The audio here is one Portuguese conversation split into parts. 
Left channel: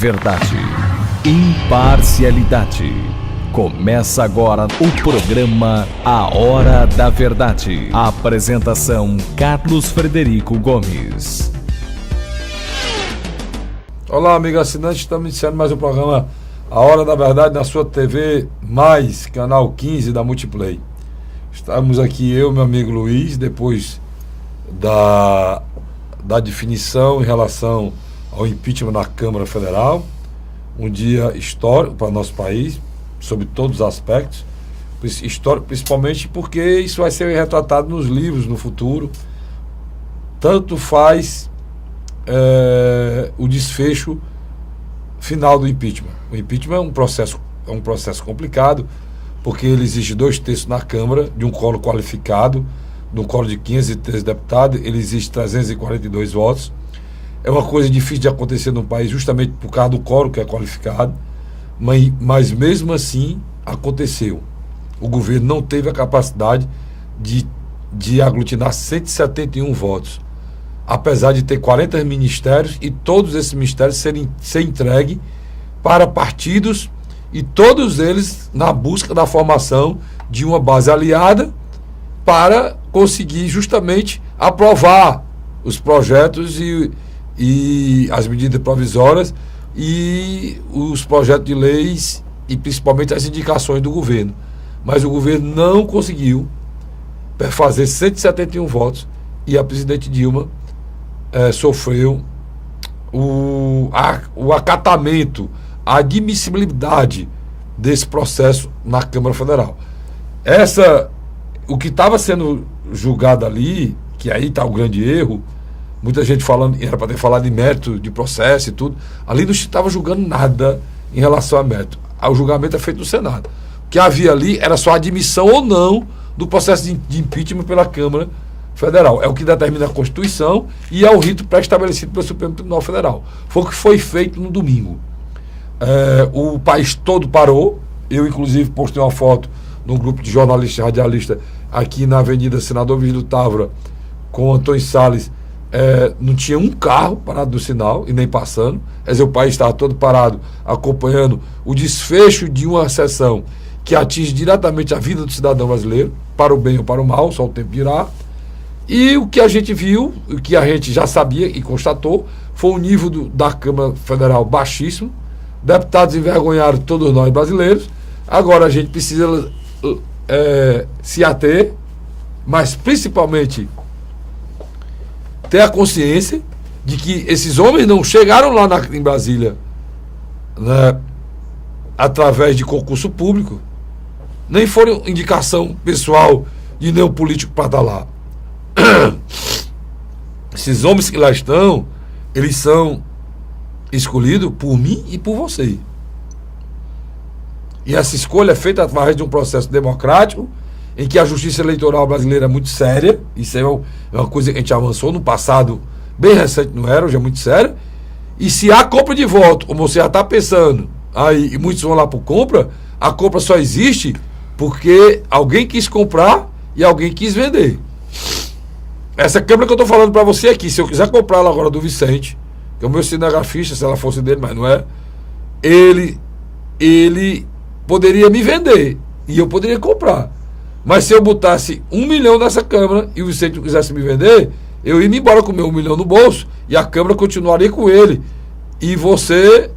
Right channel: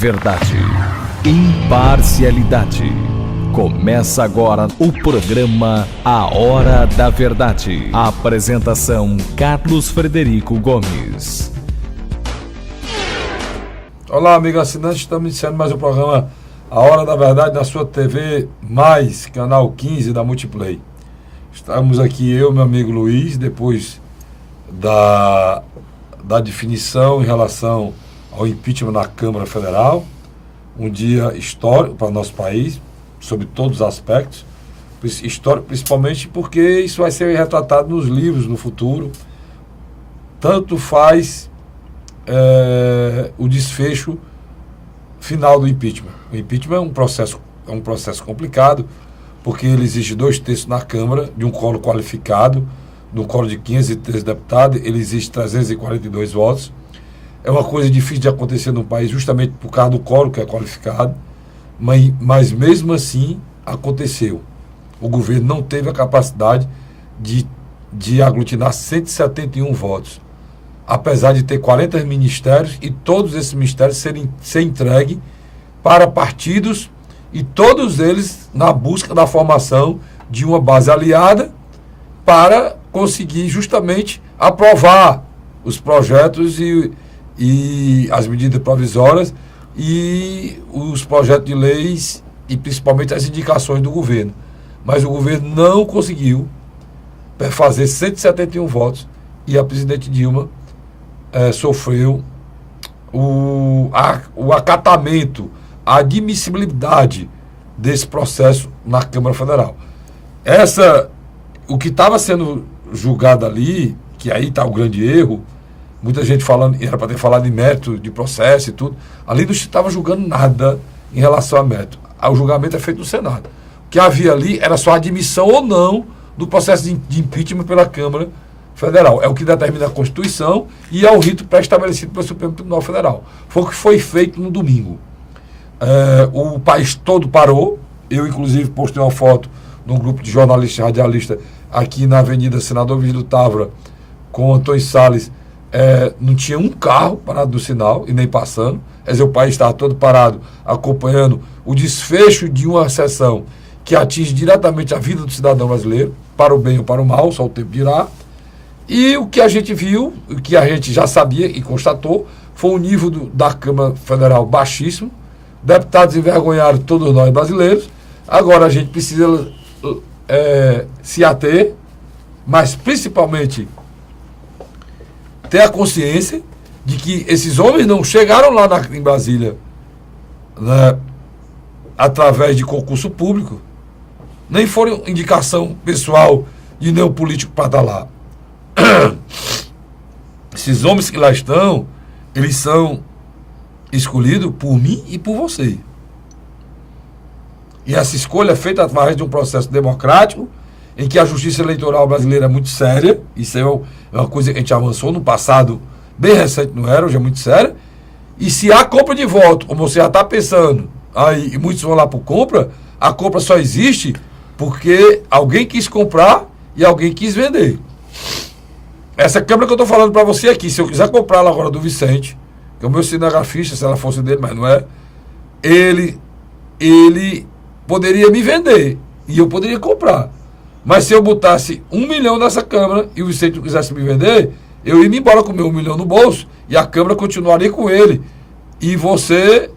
Verdade. Imparcialidade. Começa agora o programa A Hora da Verdade. A apresentação: Carlos Frederico Gomes. Olá, amigo assinante, estamos iniciando mais um programa A Hora da Verdade na sua TV Mais, canal 15 da Multiplay. Estamos aqui eu e meu amigo Luiz, depois da definição em relação ao impeachment na Câmara Federal, um dia histórico para o nosso país, sob todos os aspectos, histórico principalmente porque isso vai ser retratado nos livros no futuro. Tanto faz o desfecho final do impeachment. O impeachment é um processo complicado, porque ele exige 2/3 na Câmara, de um quórum qualificado, no quórum de 513 deputados, ele exige 342 votos. É uma coisa difícil de acontecer no país, justamente por causa do quórum que é qualificado, mas mesmo assim aconteceu. O governo não teve a capacidade de aglutinar 171 votos, apesar de ter 40 ministérios e todos esses ministérios ser entregues para partidos, e todos eles na busca da formação de uma base aliada para conseguir justamente aprovar os projetos e as medidas provisórias e os projetos de leis e principalmente as indicações do governo. Mas o governo não conseguiu fazer 171 votos e a presidente Dilma sofreu o acatamento, a admissibilidade desse processo na Câmara Federal. O que estava sendo julgado ali, que aí está o grande erro, muita gente falando, era para ter falado de mérito de processo e tudo, ali não estava julgando nada em relação a mérito. O julgamento é feito no Senado. O que havia ali era só a admissão ou não do processo de impeachment pela Câmara Federal. É o que determina a Constituição e é o rito pré-estabelecido pelo Supremo Tribunal Federal. Foi o que foi feito no domingo. O país todo parou. Eu, inclusive, postei uma foto no grupo de jornalistas e radialistas aqui na Avenida Senador Virgílio Távora com Antônio Salles. Não tinha um carro parado no sinal e nem passando. Quer dizer, o país estava todo parado, acompanhando o desfecho de uma sessão que atinge diretamente a vida do cidadão brasileiro, para o bem ou para o mal, só o tempo dirá. E o que a gente viu, o que a gente já sabia e constatou, foi o nível da Câmara Federal baixíssimo. Deputados envergonharam todos nós brasileiros. Agora a gente precisa se ater, mas principalmente ter a consciência de que esses homens não chegaram lá em Brasília, né, através de concurso público, nem foram indicação pessoal de nenhum político para estar lá. Esses homens que lá estão, eles são escolhidos por mim e por você. E essa escolha é feita através de um processo democrático, em que a justiça eleitoral brasileira é muito séria. Isso é uma coisa que a gente avançou no passado, bem recente não era, hoje é muito séria. E se há compra de voto, como você já está pensando, aí, e muitos vão lá por compra, a compra só existe porque alguém quis comprar e alguém quis vender. Essa câmera que eu estou falando para você aqui, se eu quiser comprar ela agora do Vicente, que é o meu cinegrafista, se ela fosse dele, mas não é, ele poderia me vender e eu poderia comprar. Mas se eu botasse 1 milhão nessa câmera e o Vicente não quisesse me vender, eu ia embora com o meu 1 milhão no bolso e a câmera continuaria com ele. E você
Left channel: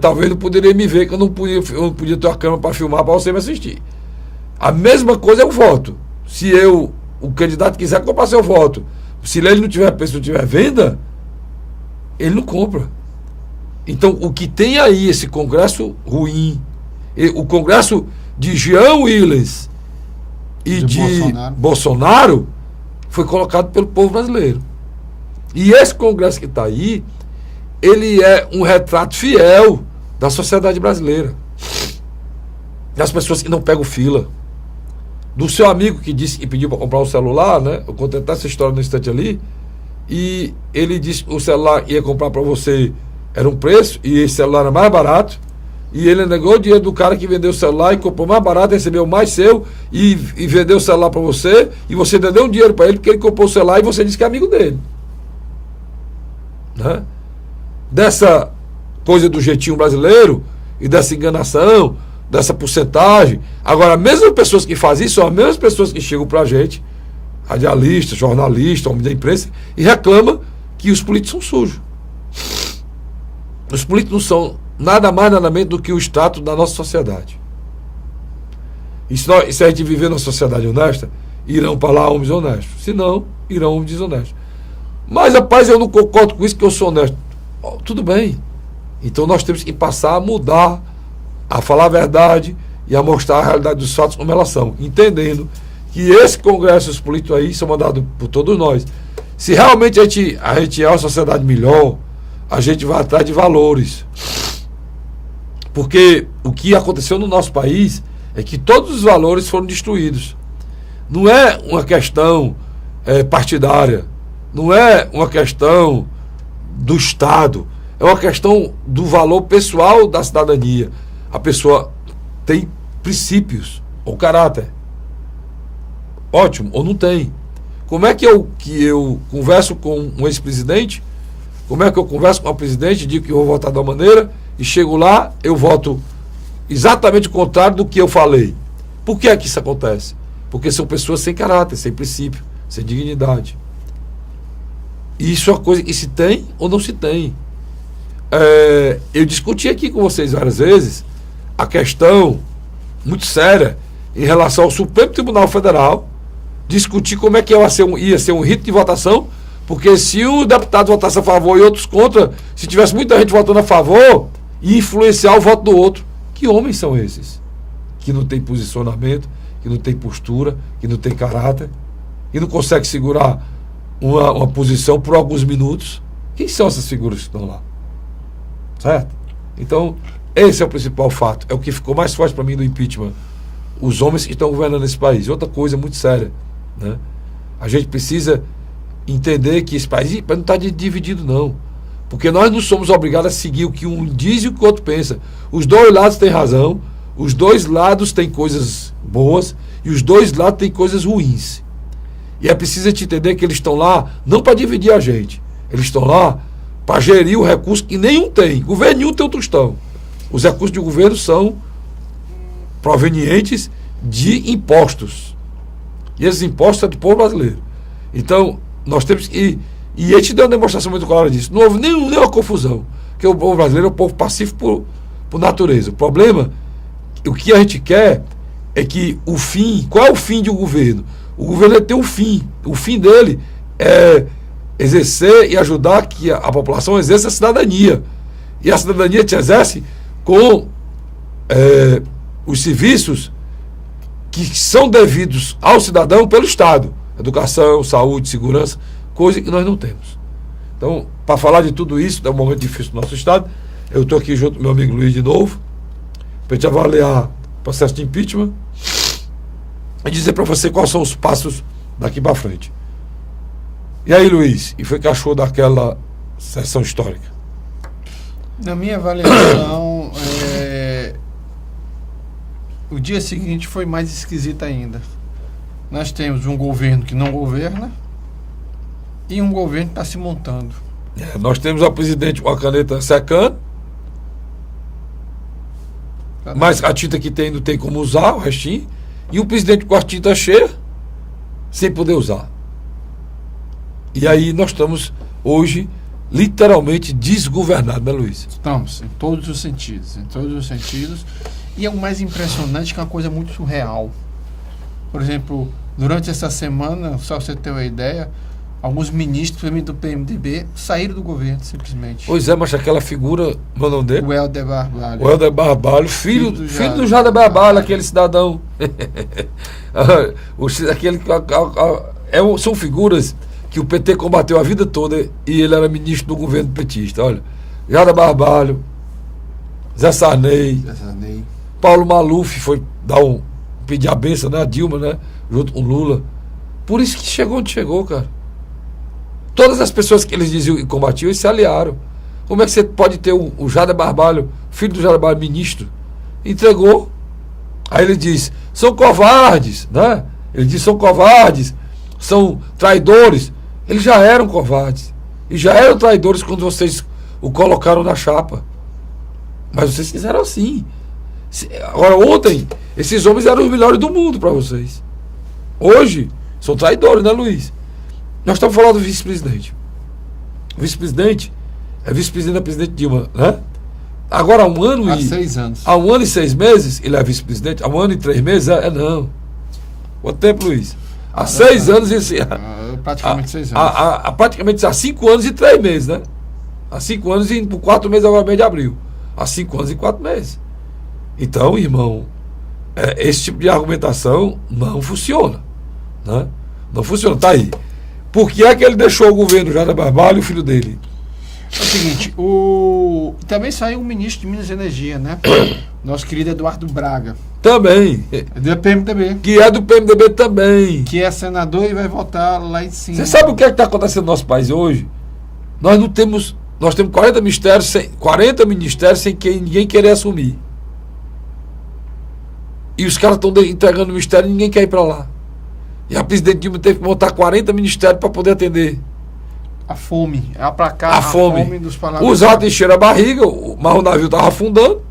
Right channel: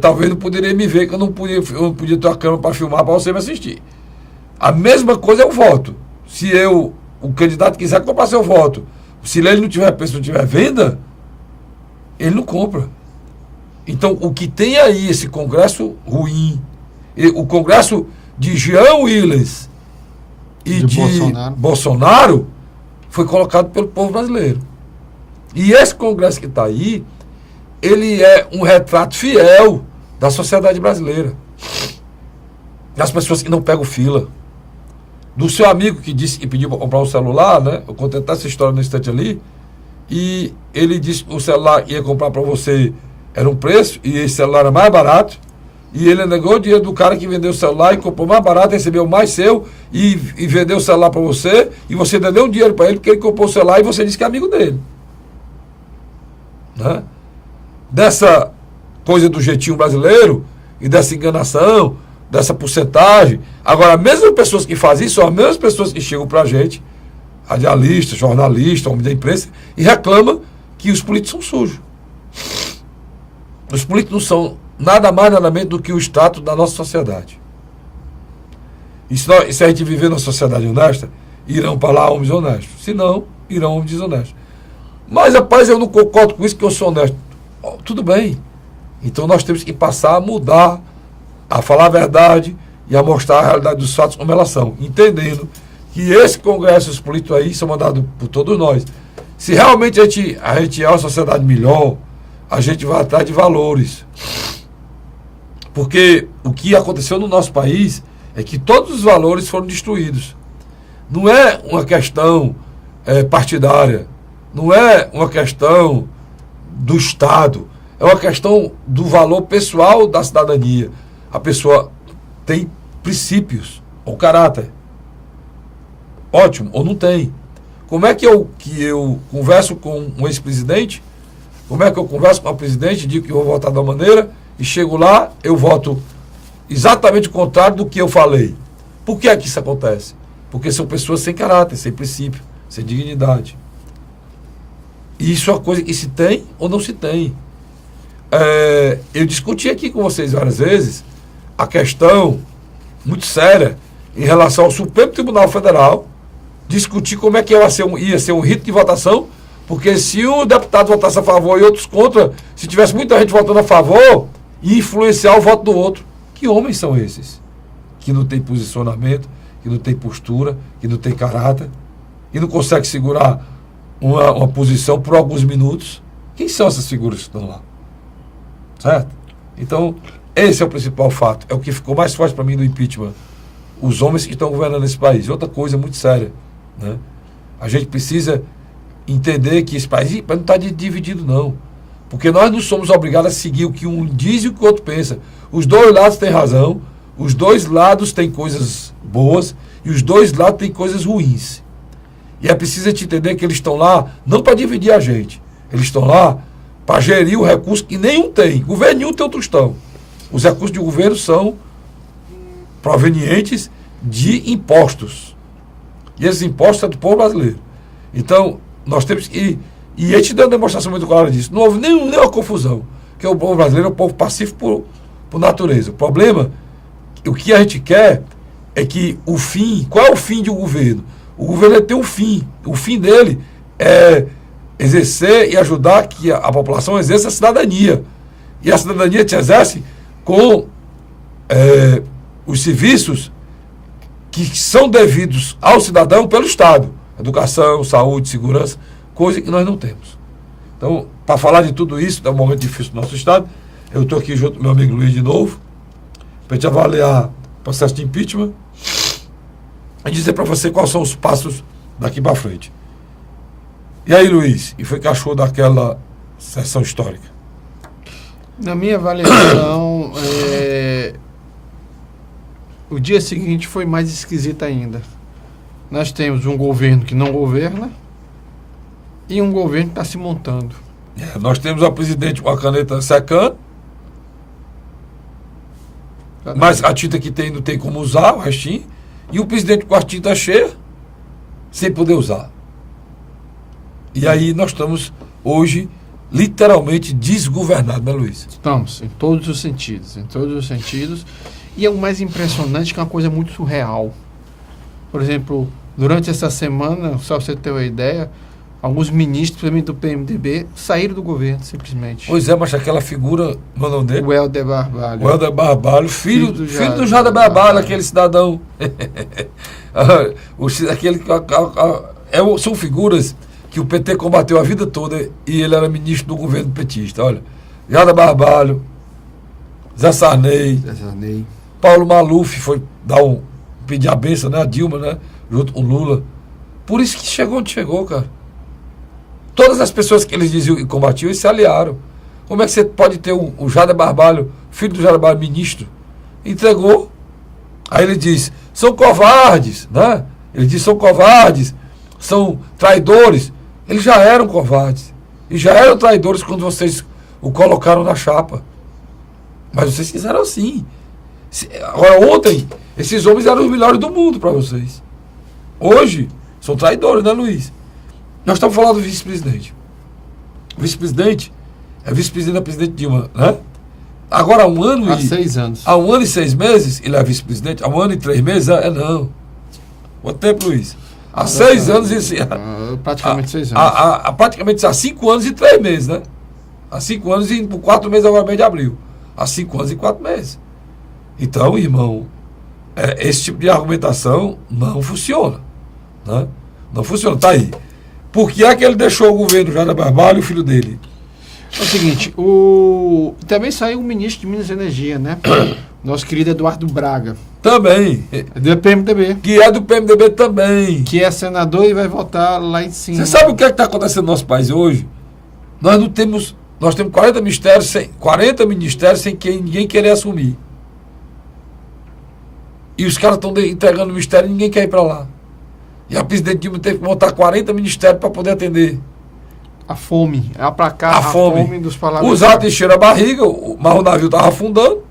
talvez não poderia me ver, que eu não podia ter uma câmera para filmar para você me assistir. A mesma coisa é o voto. Se o candidato quiser comprar seu voto, se ele não tiver preço, não tiver venda, ele não compra. Então, o que tem aí, esse Congresso ruim, o Congresso de Jean Willis e de Bolsonaro, foi colocado pelo povo brasileiro. E esse Congresso que está aí, ele é um retrato fiel da sociedade brasileira. Das pessoas que não pegam fila. Do seu amigo que disse que pediu para comprar um celular, né? Eu contei até essa história no instante ali. E ele disse que o celular ia comprar para você, era um preço, e esse celular era mais barato. E ele negou o dinheiro do cara que vendeu o celular e comprou mais barato, recebeu mais seu e vendeu o celular para você. E você ainda deu um dinheiro para ele porque ele comprou o celular e você disse que é amigo dele. Né? Dessa coisa do jeitinho brasileiro e dessa enganação, dessa porcentagem. Agora, as mesmas pessoas que fazem isso são as mesmas pessoas que chegam pra gente, radialista, jornalista, homem da imprensa, e reclamam que os políticos são sujos. Os políticos não são nada mais, nada menos do que o status da nossa sociedade. E se a gente viver numa sociedade honesta, irão para lá homens honestos. Se não, irão homens desonestos. Mas, rapaz, eu não concordo com isso, que eu sou honesto. Tudo bem. Então nós temos que passar a mudar, a falar a verdade e a mostrar a realidade dos fatos como elas são, entendendo que esse congresso, os políticos aí, são mandados por todos nós. Se realmente a gente é uma sociedade melhor, a gente vai atrás de valores. Porque o que aconteceu no nosso país é que todos os valores foram destruídos. Não é uma questão partidária, não é uma questão do Estado, é uma questão do valor pessoal da cidadania. A pessoa tem princípios ou caráter. Ótimo, ou não tem. Como é que eu converso com um ex-presidente? Como é que eu converso com o presidente, digo que eu vou votar de uma maneira e chego lá, eu voto exatamente o contrário do que eu falei? Por que é que isso acontece? Porque são pessoas sem caráter, sem princípio, sem dignidade. E isso é uma coisa que se tem ou não se tem. Eu discuti aqui com vocês várias vezes a questão muito séria em relação ao Supremo Tribunal Federal, discutir como é que ia ser um rito de votação, porque se um deputado votasse a favor e outros contra, se tivesse muita gente votando a favor, ia influenciar o voto do outro. Que homens são esses? Que não tem posicionamento, que não tem postura, que não tem caráter, e não consegue segurar uma posição por alguns minutos. Quem são essas figuras que estão lá? Certo? Então, esse é o principal fato. É o que ficou mais forte para mim do impeachment. Os homens que estão governando esse país. Outra coisa muito séria, né? A gente precisa entender que esse país não está dividido, não. Porque nós não somos obrigados a seguir o que um diz e o que o outro pensa. Os dois lados têm razão, os dois lados têm coisas boas e os dois lados têm coisas ruins. E é preciso a gente entender que eles estão lá não para dividir a gente. Eles estão lá para gerir o recurso que nenhum tem. Governo nenhum tem outro tostão. Os recursos do governo são provenientes de impostos. E esses impostos são do povo brasileiro. Então, nós temos que... E a gente deu uma demonstração muito clara disso. Não houve nenhuma confusão. Porque o povo brasileiro é um povo pacífico por natureza. O problema, o que a gente quer é que o fim... Qual é o fim de um governo? O governo tem um fim. O fim dele é exercer e ajudar que a população exerça a cidadania. E a cidadania se exerce com os serviços que são devidos ao cidadão pelo Estado. Educação, saúde, segurança, coisa que nós não temos. Então, para falar de tudo isso, é um momento difícil do nosso Estado, eu estou aqui junto com meu amigo Luiz de novo, para a gente avaliar o processo de impeachment e dizer para você quais são os passos daqui para frente. E aí, Luiz, e foi que achou daquela sessão histórica? Na minha avaliação, o dia seguinte foi mais esquisito ainda. Nós temos um governo que não governa e um governo que está se montando. Nós temos o presidente com a caneta secando, mas a tinta que tem não tem como usar, o restinho, e o presidente com a tinta cheia, sem poder usar. E aí nós estamos hoje literalmente desgovernados, né, Luiz? Estamos, em todos os sentidos, E é o mais impressionante, que é uma coisa muito surreal. Por exemplo, durante essa semana, só para você ter uma ideia, alguns ministros, principalmente do PMDB, saíram do governo, simplesmente. Pois é, mas aquela figura, meu nome dele? O Helder Barbalho. O Helder Barbalho, filho do Jader Barbalho, aquele cidadão. São figuras que o PT combateu a vida toda e ele era ministro do governo petista. Olha, Jader Barbalho, Zé Sarney, Paulo Maluf foi pedir a benção, né, a Dilma, né, junto com Lula. Por isso que chegou onde chegou, cara. Todas as pessoas que eles diziam e combatiam, eles se aliaram. Como é que você pode ter o Jader Barbalho, filho do Jader Barbalho, ministro? Entregou. Aí ele diz, são covardes, né? Ele diz, são covardes, são traidores. Eles já eram covardes. E já eram traidores quando vocês o colocaram na chapa. Mas vocês fizeram assim. Agora, ontem, esses homens eram os melhores do mundo para vocês. Hoje, são traidores, né, Luiz? Nós estamos falando do vice-presidente. O vice-presidente é vice-presidente da presidente Dilma, né? Agora, há 1 ano Há 6 anos. Há 1 ano e 6 meses, ele é vice-presidente. Há 1 ano e 3 meses, não. Quanto tempo, Luiz? Há 6 anos e... Praticamente 6 anos. Praticamente há 5 anos e 3 meses, né? Há 5 anos e 4 meses, agora mês de abril. Há 5 anos e 4 meses. Então, irmão, esse tipo de argumentação não funciona. Né? Não funciona. Tá aí. Por que é que ele deixou o governo Jair Barbalho e o filho dele? É o seguinte, também saiu o ministro de Minas e Energia, né? Nosso querido Eduardo Braga. Também. Do PMDB. Que é do PMDB também. Que é senador e vai votar lá em cima. Você sabe o que está acontecendo no nosso país hoje? Nós não temos. Nós temos 40 ministérios sem que ninguém querer assumir. E os caras estão entregando o ministério e ninguém quer ir para lá. E a presidente Dilma teve que montar 40 ministérios para poder atender. A fome, aplacar a fome dos parlamentares. Os atos encheram a barriga, mas o navio estava afundando,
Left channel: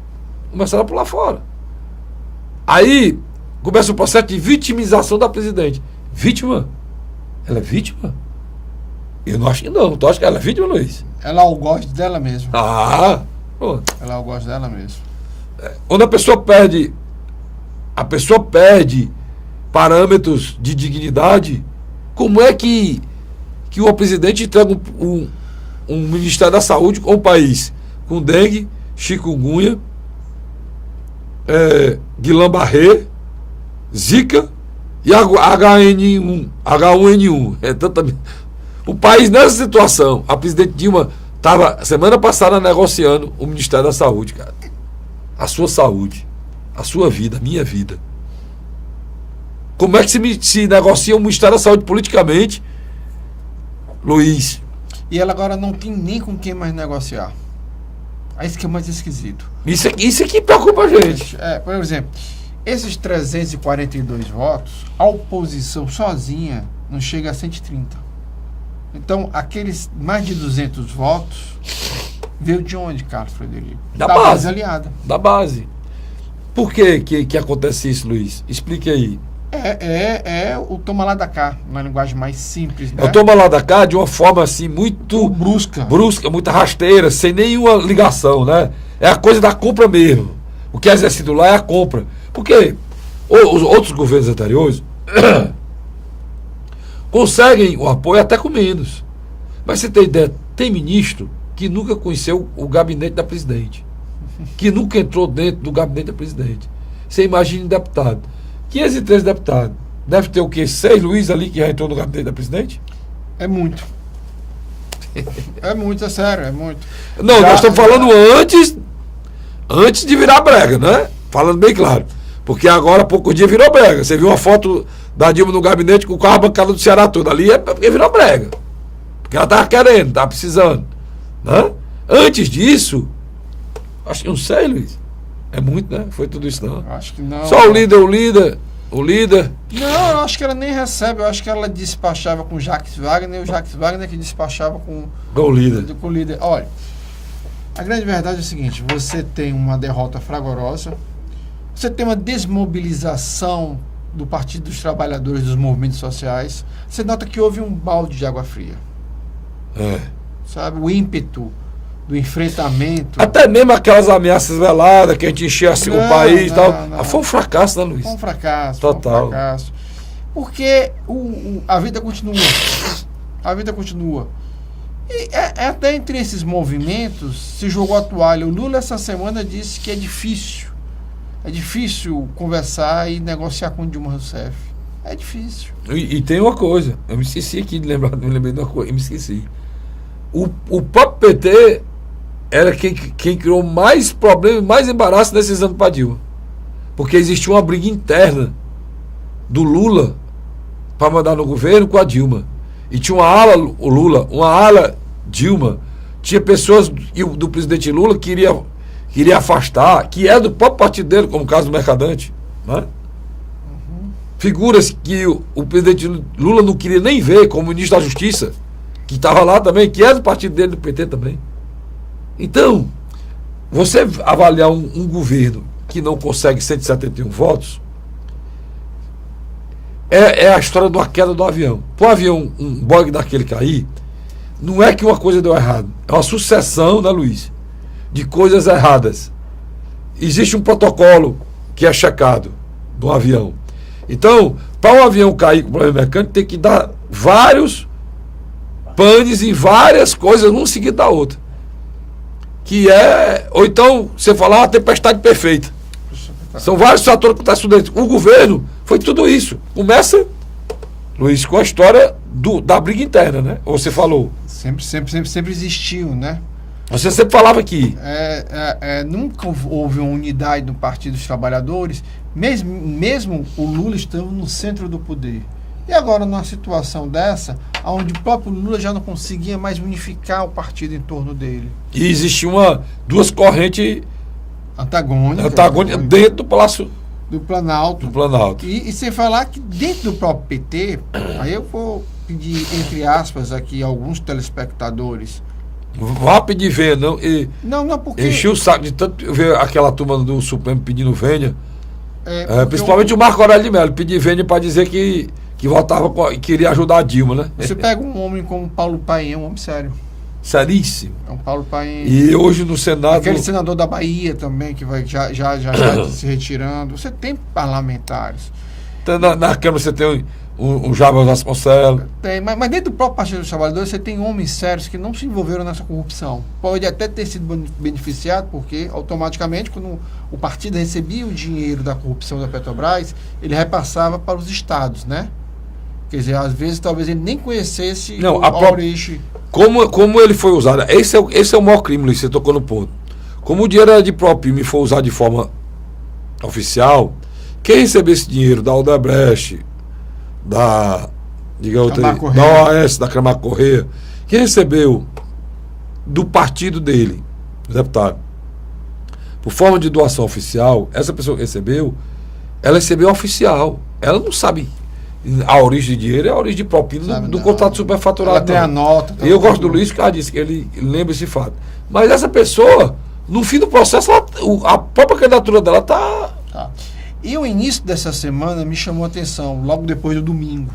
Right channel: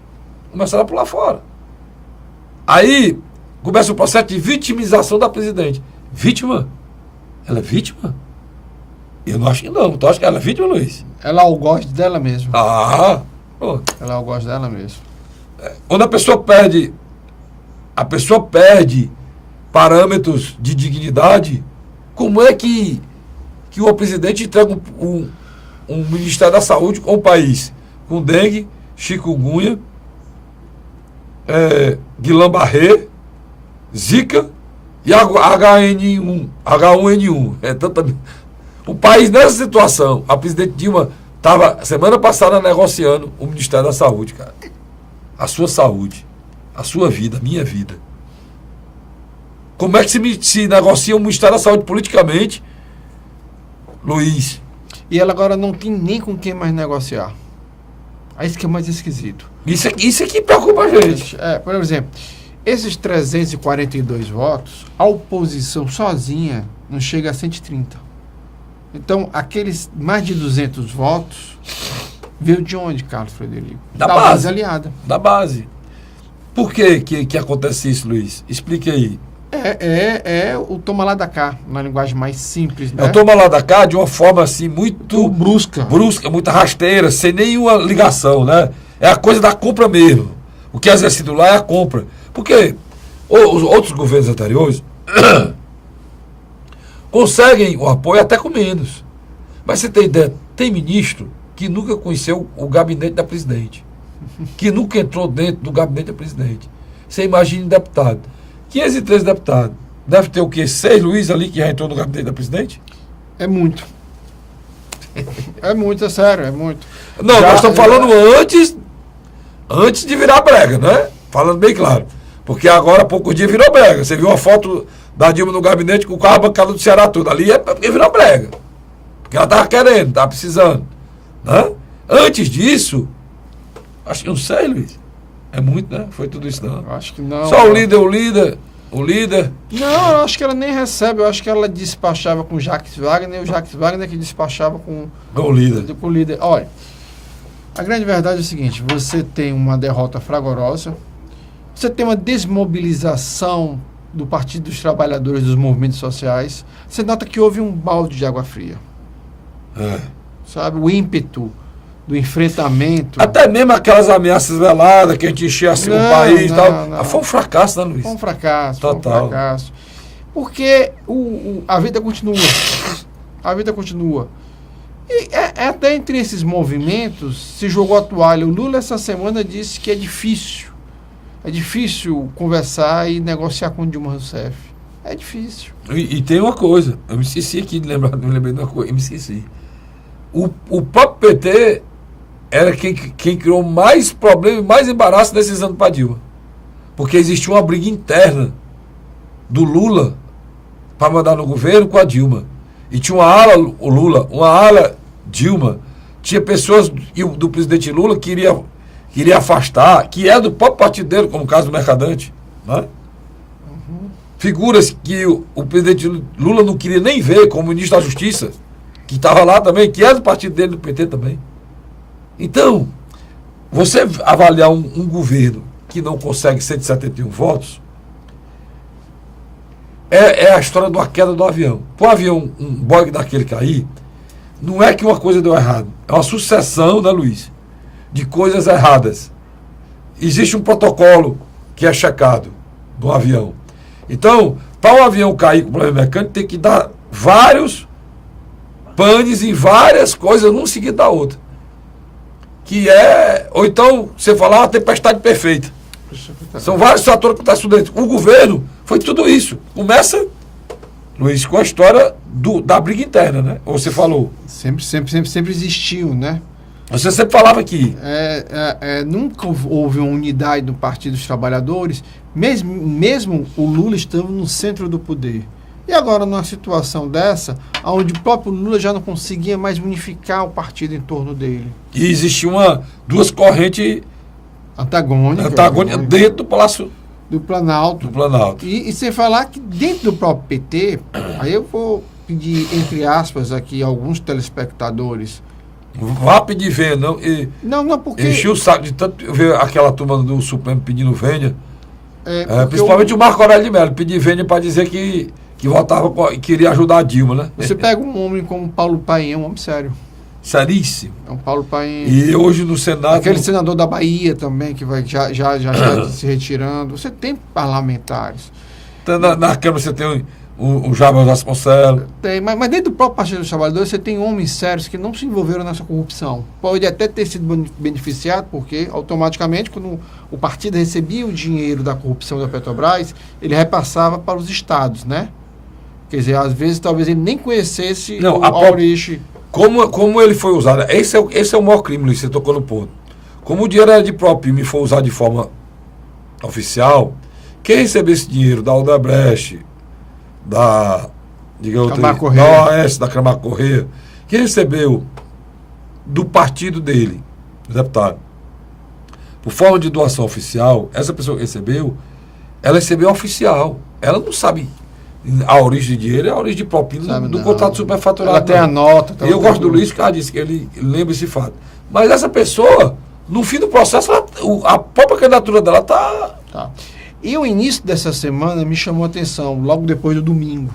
começaram a pular fora. Aí começa o processo de vitimização da presidente. Vítima? Ela é vítima? Eu não acho que não. Tu acha que ela é vítima, Luiz? Ela algoz dela mesmo. Pô. Ela algoz dela mesmo. Quando a pessoa perde parâmetros de dignidade, como é que o presidente entrega um Ministério da Saúde com o país com dengue, chikungunya, Guillain-Barré, Zika e H1N1. O país nessa situação, a presidente Dilma estava semana passada negociando o Ministério da Saúde, cara. A sua saúde, a sua vida, a minha vida. Como é que se negocia o Ministério da Saúde politicamente, Luiz? E ela agora não tem nem com quem mais negociar. É isso que é mais esquisito. Isso aqui preocupa a gente. Por exemplo, esses 342 votos, a oposição sozinha não chega a 130. Então, aqueles mais de 200 votos veio de onde, Carlos Frederico? Da base aliada. Da base. Por que acontece isso, Luiz? Explique aí. É o toma lá da cá, na linguagem mais simples, né? É o toma lá da cá de uma forma assim muito brusca, muito rasteira, sem nenhuma ligação, né? É a coisa da compra mesmo. O que é exercido lá é a compra. Porque os outros governos anteriores conseguem o apoio até com menos. Mas você tem ideia, tem ministro que nunca conheceu o gabinete da presidente, que nunca entrou dentro do gabinete da presidente. Você imagina um deputado. 513 deputados. Deve ter o quê? 6 Luiz ali que já entrou no gabinete da presidente? É muito. É muito, é sério, é muito. Não, nós estamos falando antes de virar brega, né? Falando bem claro. Porque agora, há poucos dias, virou brega. Você viu uma foto da Dilma no gabinete com o carro bancado do Ceará todo. Ali é porque virou brega. Porque ela estava querendo, estava precisando. Né? Antes disso, acho que não sei, Luiz. É muito, né? Foi tudo isso, não. Acho que não. Só o líder. Não, eu acho que ela nem recebe. Eu acho que ela despachava com o Jacques Wagner e o Jacques Wagner que despachava com o líder. Com o líder. Olha, a grande verdade é o seguinte: você tem uma derrota fragorosa, você tem uma desmobilização do Partido dos Trabalhadores, dos movimentos sociais. Você nota que houve um balde de água fria. Sabe? O ímpeto do enfrentamento. Até mesmo aquelas ameaças veladas que a gente enchia assim o país e tal. Não. Foi um fracasso, né, Luiz? Foi um fracasso. Total. Foi um fracasso. Porque a vida continua. A vida continua. E até entre esses movimentos se jogou a toalha. O Lula essa semana disse que é difícil. É difícil conversar e negociar com o Dilma Rousseff. É difícil. E tem uma coisa. Eu me esqueci aqui de lembrar. Não lembrei de uma coisa. Eu me esqueci. O próprio PT era quem criou mais problemas, mais embaraço nesses anos para Dilma. Porque existia uma briga interna do Lula para mandar no governo com a Dilma. E tinha uma ala o Lula, uma ala Dilma. Tinha pessoas do presidente Lula que queria afastar, que é do próprio partido dele, como o caso do Mercadante. Né? Figuras que o presidente Lula não queria nem ver, como o ministro da Justiça, que estava lá também, que é do partido dele, do PT também. Então, Você avaliar um governo que não consegue 171 votos, é a história de uma queda do avião. Para o avião, um Boeing daquele cair, não é que uma coisa deu errado, é uma sucessão, né, Luiz, de coisas erradas. Existe um protocolo que é checado do avião. Então, para o avião cair com problema mecânico, tem que dar vários panes em várias coisas, um seguido da outra. Ou então, você falar uma tempestade perfeita. São vários fatores que acontecem dentro. O governo foi tudo isso. Começa, Luiz, com a história da briga interna, né? Você falou. Sempre existiu, né? Você sempre falava aqui. Nunca houve uma unidade do Partido dos Trabalhadores, mesmo o Lula estando no centro do poder. E agora, numa situação dessa, onde o próprio Lula já não conseguia mais unificar o partido em torno dele. E existiam duas correntes antagônicas dentro do Palácio do Planalto. E sem falar que dentro do próprio PT, aí eu vou pedir, entre aspas, aqui alguns telespectadores. Vá pedir venha, não. Não, porque. Encheu o saco de tanto ver aquela turma do Supremo pedindo venha. Principalmente o Marco Aurélio de Mello, pedir venha para dizer que votava e queria ajudar a Dilma, né? Você pega um homem como Paulo Paim, é um homem sério. Seríssimo. É um Paulo Paim. E hoje no Senado. Aquele senador da Bahia também, que já está se retirando. Você tem parlamentares. Então, na Câmara você tem um Jabal Vasconcelos. Tem, mas dentro do próprio Partido dos Trabalhadores você tem homens sérios que não se envolveram nessa corrupção. Pode até ter sido beneficiado, porque automaticamente, quando o partido recebia o dinheiro da corrupção da Petrobras, ele repassava para os estados, né? Quer dizer, às vezes talvez ele nem conhecesse a origem. Como ele foi usado, esse é o maior crime, Luiz, você tocou no ponto. Como o dinheiro era de próprio e foi usado de forma oficial, quem recebeu esse dinheiro da Odebrecht, da OAS, da Camargo Correia, quem recebeu do partido dele, deputado, por forma de doação oficial, essa pessoa que recebeu, ela recebeu oficial. Ela não sabe a origem de dinheiro, é a origem de propina do contrato superfaturado. Ela tem a nota. E eu gosto do Luiz, que ela disse que ele lembra esse fato. Mas essa pessoa, no fim do processo, a própria candidatura dela está... Tá. E o início dessa semana me chamou a atenção, logo depois do domingo.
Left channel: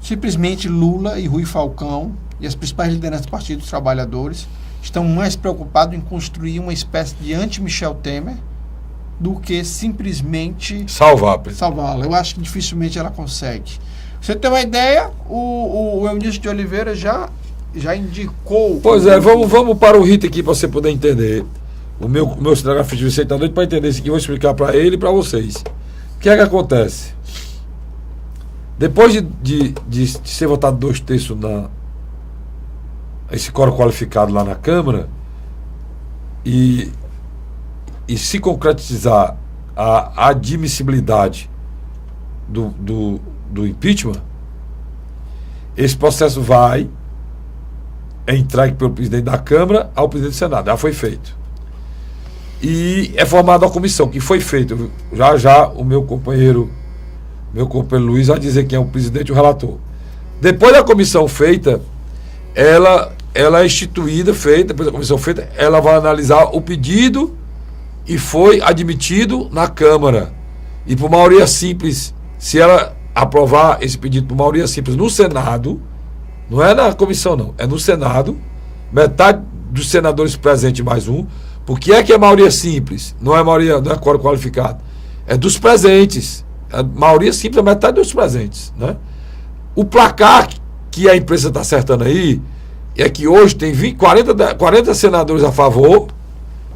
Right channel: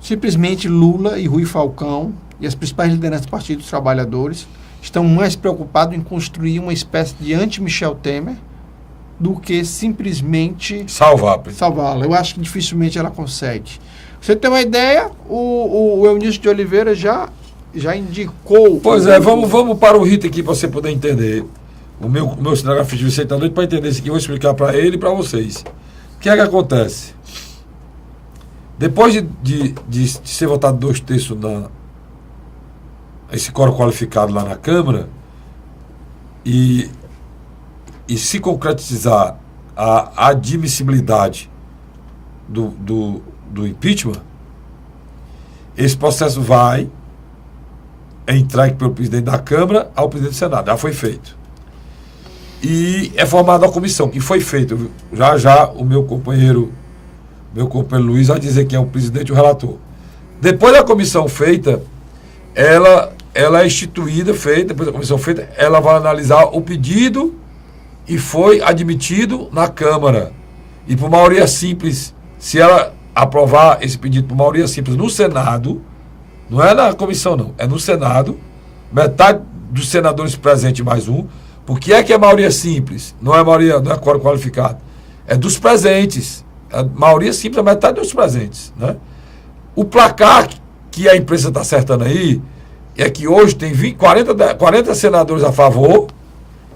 Simplesmente Lula e Rui Falcão e as principais lideranças do Partido dos Trabalhadores estão mais preocupados em construir uma espécie de anti-Michel Temer do que simplesmente salvá-la. Eu acho que dificilmente ela consegue. Você tem uma ideia, o Eunício de Oliveira já indicou... Pois vamos para o Rita aqui para você poder entender. O meu cinegrafista Vicente está doido para entender isso aqui. Eu vou explicar para ele e para vocês. O que é que acontece? Depois de ser votado 2/3 esse quórum qualificado lá na Câmara e se concretizar a admissibilidade do impeachment, esse processo vai entregue pelo presidente da Câmara ao presidente do Senado. Já foi feito. E é formada a comissão, que foi feito. Já o meu companheiro Luiz vai dizer quem é o presidente e o relator. Depois da comissão feita, ela é instituída, depois da comissão feita, ela vai analisar o pedido e foi admitido na Câmara. E por maioria simples, se ela aprovar esse pedido por maioria simples no Senado, não é na comissão não, é no Senado, metade dos senadores presentes mais um. Por que é maioria simples? Não é quórum qualificado. É dos presentes. A maioria simples é metade dos presentes, né? O placar que a imprensa está acertando aí é que hoje tem 40 senadores a favor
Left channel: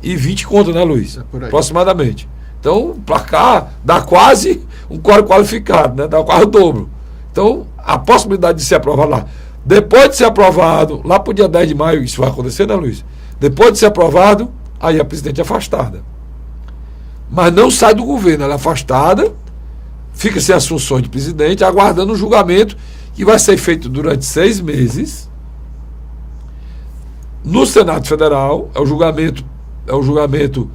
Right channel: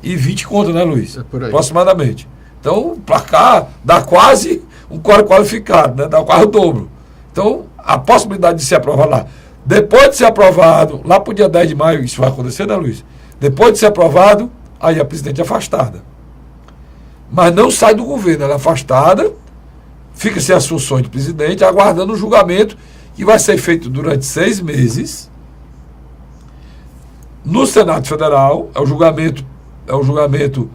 e 20 contra, né, Luiz? Aproximadamente. Então, o placar dá quase um quórum qualificado, né? Dá quase o dobro. Então, a possibilidade de ser aprovado lá. Depois de ser aprovado, lá para o dia 10 de maio, isso vai acontecer, né, Luiz? Depois de ser aprovado, aí a presidente é afastada. Mas não sai do governo, ela é afastada, fica sem as funções de presidente, aguardando o julgamento que vai ser feito durante 6 meses no Senado Federal. É o julgamento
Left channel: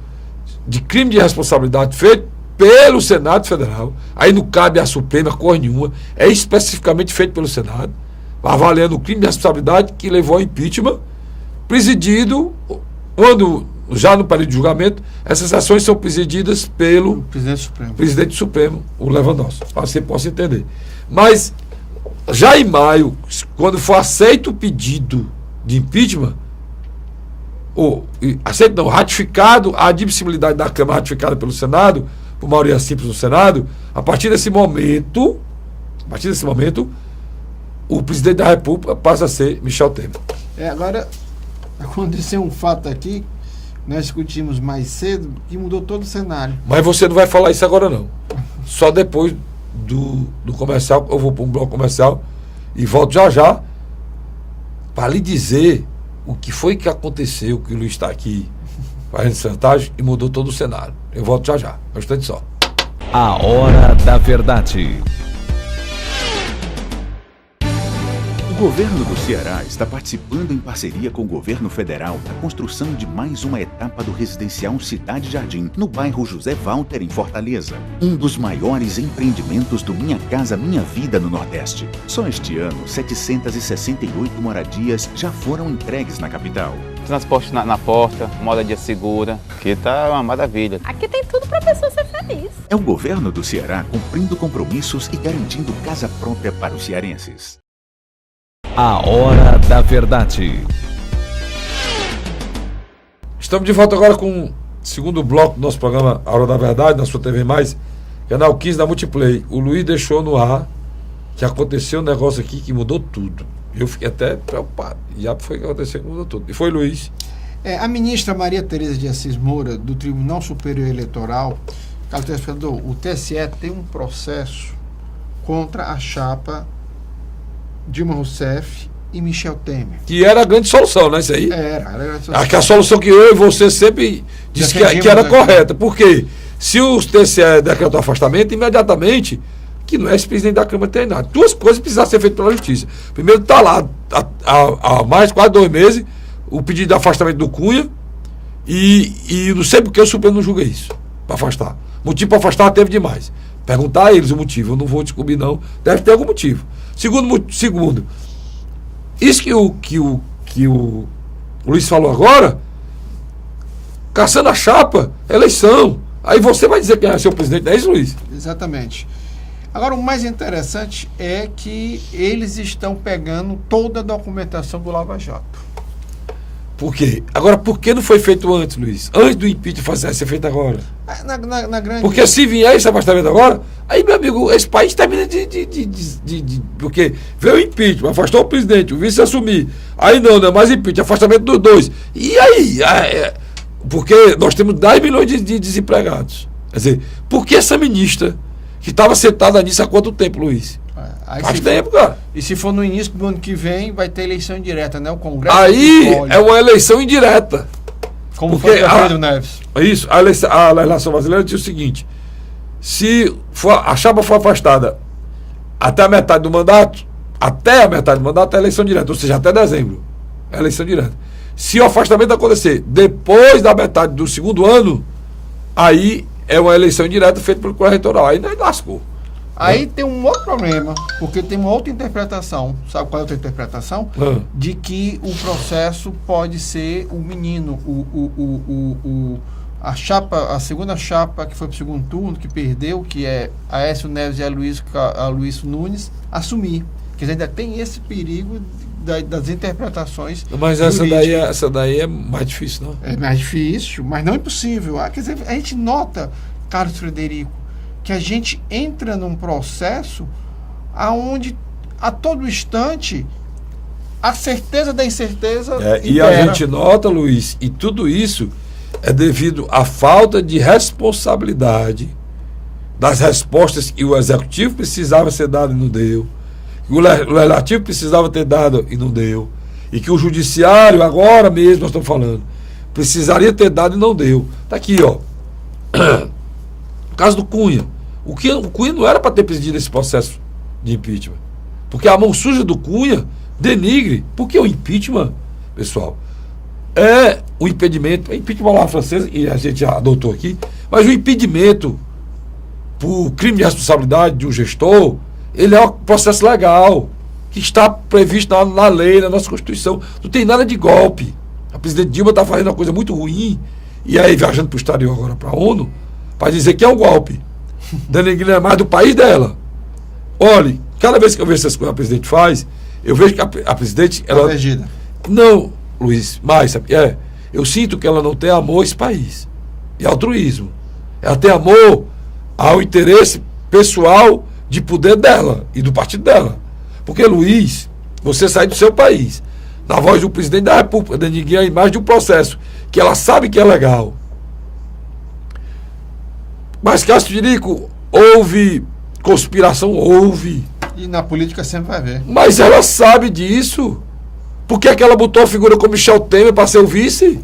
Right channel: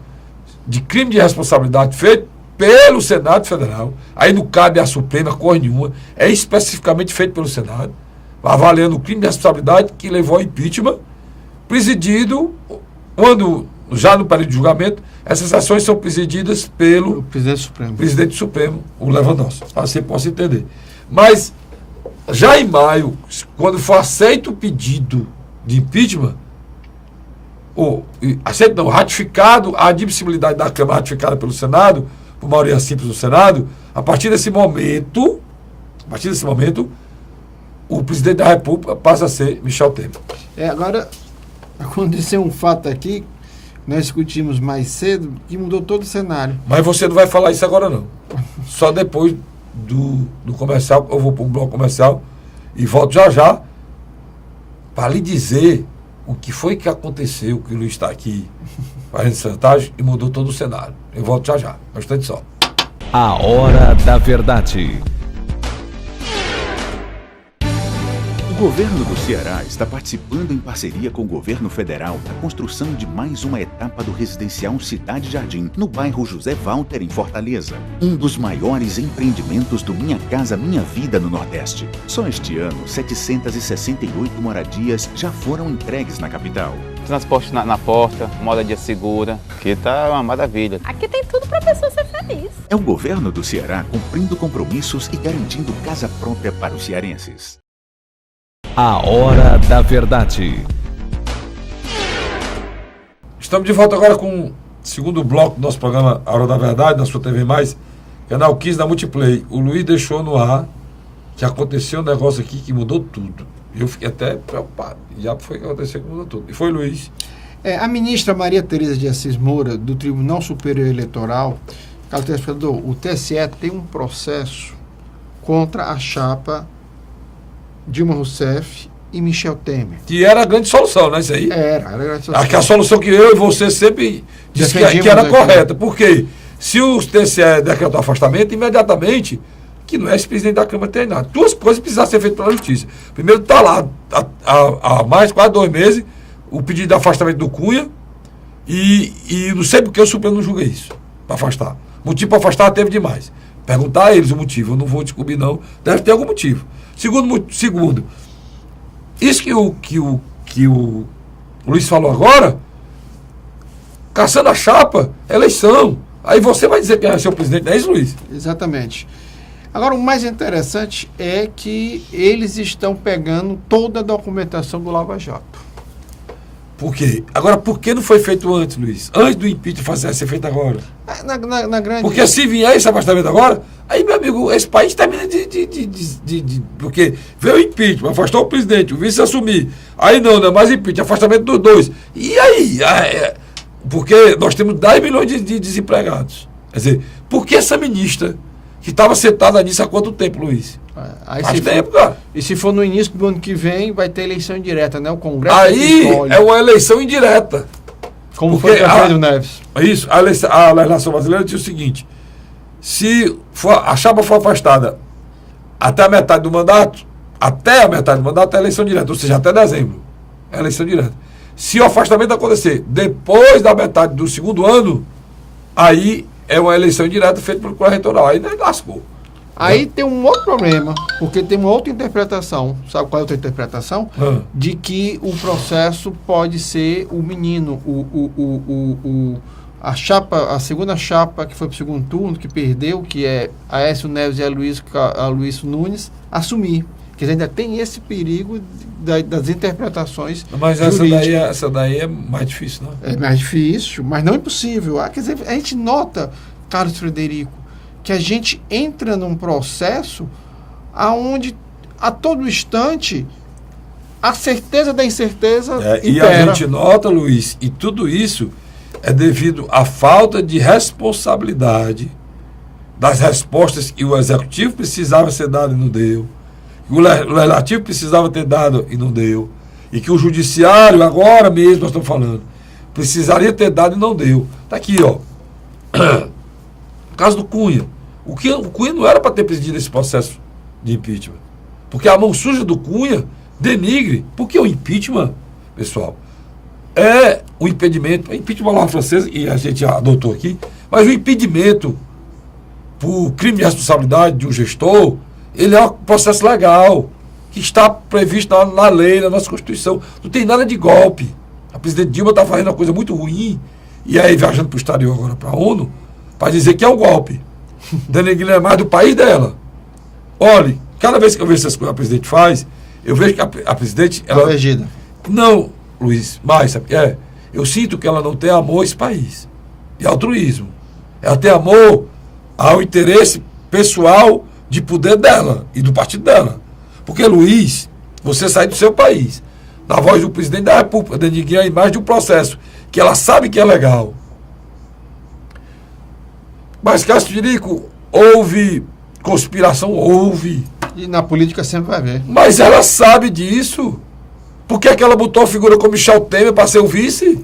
de crime de responsabilidade feito pelo Senado Federal. Aí não cabe à Suprema coisa nenhuma, é especificamente feito pelo Senado, avaliando o crime de responsabilidade que levou ao impeachment, presidido quando, já no período de julgamento, essas ações são presididas pelo O presidente presidente Supremo, o Lewandowski, para que você possa entender. Mas, já em maio, quando for aceito o pedido de impeachment, ratificado a admissibilidade da Câmara ratificada pelo Senado, por maioria simples do Senado, a partir desse momento, o presidente da República passa a ser Michel Temer. Agora, aconteceu um fato aqui, nós discutimos mais cedo, que mudou todo o cenário. Mas você não vai falar isso agora, não. Só depois do comercial, eu vou para um bloco comercial e volto já para lhe dizer o que foi que aconteceu, que o Luiz está aqui fazendo chantagem e mudou todo o cenário. Eu volto já. Bastante só. A Hora da Verdade. O governo do Ceará está participando em parceria com o governo federal da construção de mais uma etapa do residencial Cidade Jardim, no bairro José Walter, em Fortaleza. Um dos maiores empreendimentos do Minha Casa Minha Vida no Nordeste. Só este ano, 768 moradias já foram entregues na capital. Transporte na porta, moradia segura, que tá uma maravilha. Aqui tem tudo para a pessoa ser feliz. É o governo do Ceará cumprindo compromissos e garantindo casa própria para os cearenses. A Hora da Verdade. Estamos de volta agora com o segundo bloco do nosso programa A Hora da Verdade, na sua TV+, canal 15 da Multiplay. O Luiz deixou no ar que aconteceu um negócio aqui que mudou tudo. Eu fiquei até preocupado. Já foi que aconteceu que mudou tudo. E foi, Luiz. A ministra Maria Tereza de Assis Moura, do Tribunal Superior Eleitoral, o TSE tem um processo contra a chapa Dilma Rousseff e Michel Temer. Que era a grande solução, né? Isso aí? Era a solução que eu e você sempre disse que era correta. Porque se o TSE decretou afastamento, imediatamente, que não é esse presidente da Câmara tem nada. Duas coisas precisaram ser feitas pela Justiça. Primeiro, está lá há mais quase 2 meses o pedido de afastamento do Cunha e não sei porque o Supremo não julga isso, para afastar. Motivo para afastar teve demais. Perguntar a eles o motivo, eu não vou descobrir não, deve ter algum motivo. Segundo, isso que o Luiz falou agora, caçando a chapa, eleição. Aí você vai dizer que é seu presidente, não é isso, Luiz? Exatamente. Agora, o mais interessante é que eles estão pegando toda a documentação do Lava Jato. Por quê? Agora, por que não foi feito antes, Luiz? Antes do impeachment ser feito agora? Na grande... Porque se vier esse afastamento agora, aí, meu amigo, esse país termina porque veio o impeachment, afastou o presidente, o vice assumir. Aí não é mais impeachment, afastamento dos dois. E aí? Porque nós temos 10 milhões de desempregados. Quer dizer, por que essa ministra que estava sentada nisso há quanto tempo, Luiz? Faz tempo, cara. E se for no início do ano que vem, vai ter eleição indireta, né? O Congresso. Aí é uma eleição indireta. Como foi com Pedro Neves. Isso, a legislação brasileira diz o seguinte: se a chapa for afastada até a metade do mandato, é eleição direta, ou seja, até dezembro. É eleição direta. Se o afastamento acontecer depois da metade do segundo ano, aí é uma eleição indireta feita pelo Colégio Eleitoral. Aí não lascou. Aí tem um outro problema, porque tem uma outra interpretação. Sabe qual é a outra interpretação? De que o processo pode ser o menino, a segunda chapa que foi para o segundo turno, que perdeu, que é Aécio Neves e a Luiz Nunes, assumir. Porque ainda tem esse perigo das interpretações. Mas essa daí é mais difícil, não? É mais difícil, mas não impossível. Quer dizer, a gente nota, Carlos Frederico, que a gente entra num processo aonde a todo instante a certeza da incerteza e a gente nota, Luiz, e tudo isso é devido à falta de responsabilidade das respostas que o executivo precisava ser dado e não deu, que o legislativo precisava ter dado e não deu, e que o judiciário, agora mesmo nós estamos falando, precisaria ter dado e não deu. Está aqui, ó. O caso do Cunha. O Cunha não era para ter presidido esse processo de impeachment. Porque a mão suja do Cunha denigre. Porque o impeachment, pessoal, é o impedimento. O impeachment é uma palavra francesa, e a gente já adotou aqui, mas o impedimento por crime de responsabilidade de um gestor, ele é um processo legal, que está previsto na lei, na nossa Constituição. Não tem nada de golpe. A presidente Dilma está fazendo uma coisa muito ruim, e aí viajando para o exterior agora, para a ONU, para dizer que é um golpe. Denegrindo a imagem do país dela. Olhe, cada vez que eu vejo essas coisas que a presidente faz, eu vejo que a presidente... ela Protegida. Não, Luiz, mas sabe, eu sinto que ela não tem amor a esse país. E altruísmo. Ela tem amor ao interesse pessoal de poder dela e do partido dela. Porque, Luiz, você sai do seu país, na voz do presidente da República, denegrir a imagem de um processo que ela sabe que é legal. Mas, Cássio Tirico, houve conspiração? Houve. E na política sempre vai ver. Mas ela sabe disso. Por que é que ela botou a figura como Michel Temer para ser o vice?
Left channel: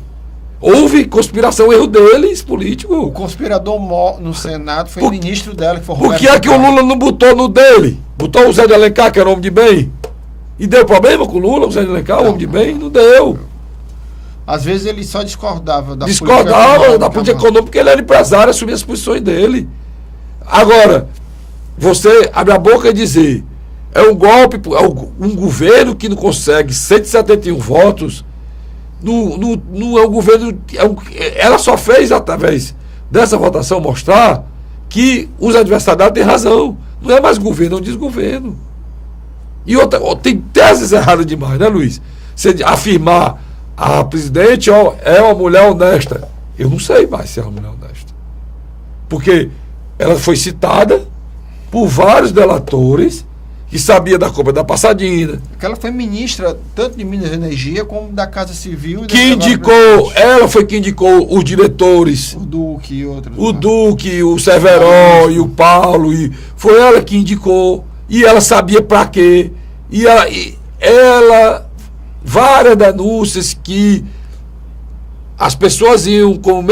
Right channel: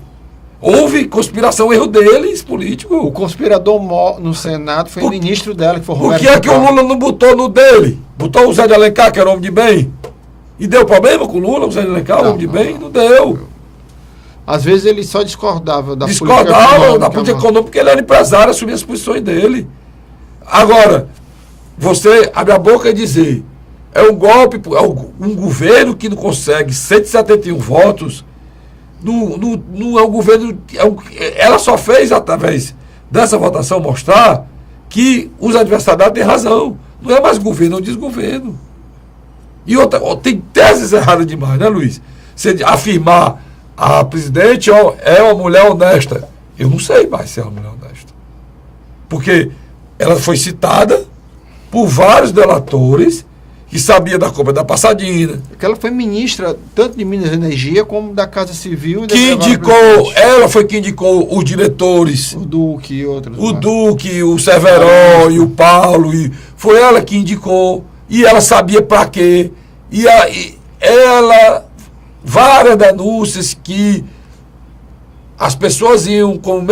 Houve conspiração, erro deles, político. O conspirador no Senado foi o ministro dela, que foi Por que é que o Lula não botou no dele? Botou o Zé de Alencar, que era homem de bem? E deu problema com o Lula, o Zé de Alencar, homem de bem? Não deu. Às vezes ele só discordava da política econômica, porque ele era empresário, assumia as posições dele. Agora, você abre a boca e dizer, é um golpe, um governo que não consegue 171 votos, não é um governo. Ela só fez, através dessa votação, mostrar que os adversários têm razão. Não é mais governo, é um desgoverno. E outra, tem teses erradas demais, né, Luiz? Você afirmar a presidente é uma mulher honesta. Eu não sei mais se é uma mulher honesta. Porque ela foi citada por vários delatores que sabia da compra da Passadina. Porque ela foi ministra tanto de Minas e Energia como da Casa Civil. Que indicou, ela foi que indicou os diretores. O Duque e outros. O Duque, o Severo e o Paulo. Foi ela que indicou. E ela sabia para quê. E ela várias denúncias que as pessoas iam como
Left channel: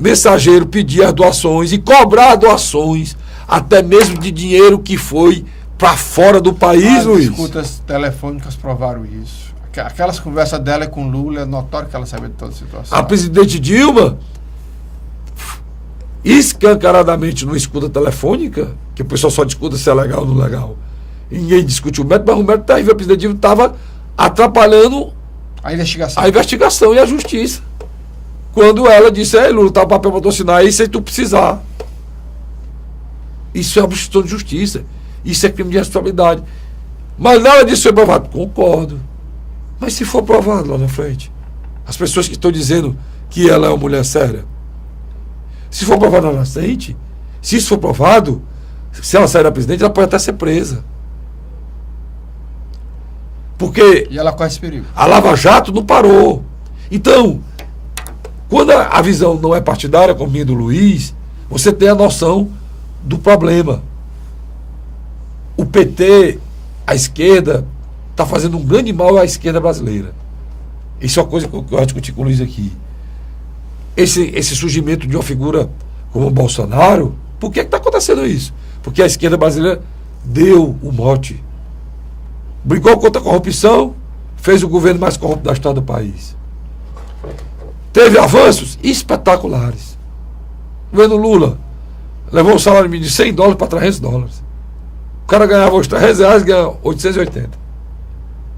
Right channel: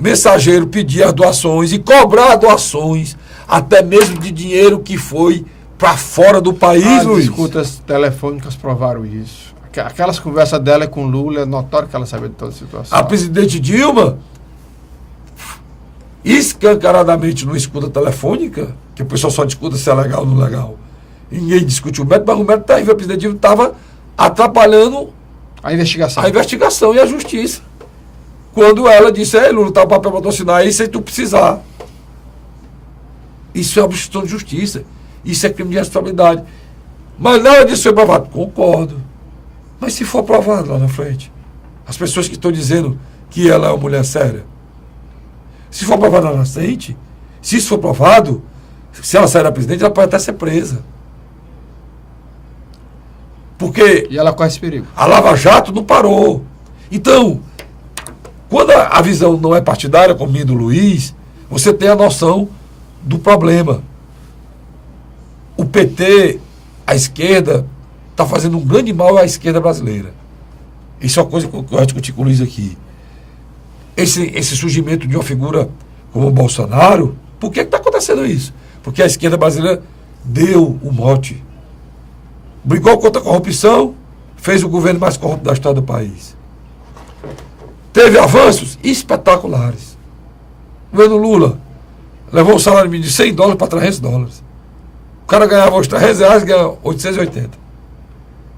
mensageiro pedir as doações e cobrar doações, até mesmo de dinheiro que foi para fora do país, Luiz. As escutas telefônicas provaram isso. Aquelas conversas dela com Lula, é notório que ela sabia de toda a situação. A presidente Dilma, escancaradamente não escuta telefônica, que o pessoal só discuta se é legal ou não legal. Ninguém discutiu o método, mas o método tá aí, a presidente Dilma estava atrapalhando a investigação e a justiça. Quando ela disse, Lula, tá o papel para assinar aí sem tu precisar. Isso é obstrução de justiça. Isso é crime de responsabilidade. Mas nada disso foi provado. Concordo. Mas se for provado lá na frente, as pessoas que estão dizendo que ela é uma mulher séria, se for provado lá na frente, se isso for provado, se ela sair da presidente, ela pode até ser presa. Porque e ela corre esse perigo. A Lava Jato não parou. Então, quando a visão não é partidária, como minha do Luiz, você tem a noção do problema. O PT, a esquerda, está fazendo um grande mal à esquerda brasileira. Isso é uma coisa que eu gosto de discutir com o Luiz aqui. Esse surgimento de uma figura como o Bolsonaro, por que está acontecendo isso? Porque a esquerda brasileira deu o mote. Brigou contra a corrupção, fez o governo mais corrupto da história do país. Teve avanços espetaculares. O governo Lula levou um salário mínimo de $100 para $300. O cara ganhava os R$300, ganha 880.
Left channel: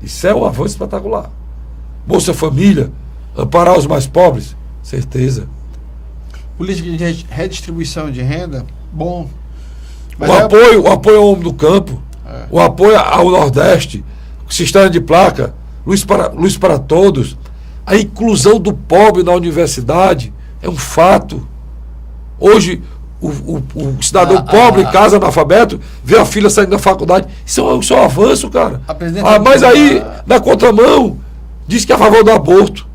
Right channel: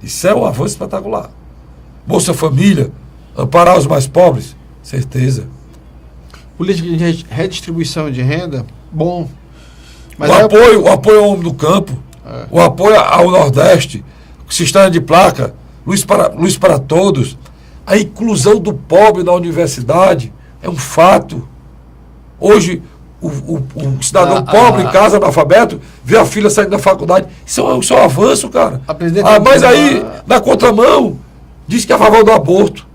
Isso é um avanço espetacular. Bolsa Família, amparar os mais pobres, certeza. Política de redistribuição de renda, bom. Mas o apoio ao homem do campo, o apoio ao Nordeste, sistema de placa, luz para todos, a inclusão do pobre na universidade é um fato. Hoje, o cidadão pobre, casa analfabeto, vê a filha saindo da faculdade. Isso é um avanço, cara. Mas aí, na contramão, diz que é a favor do aborto.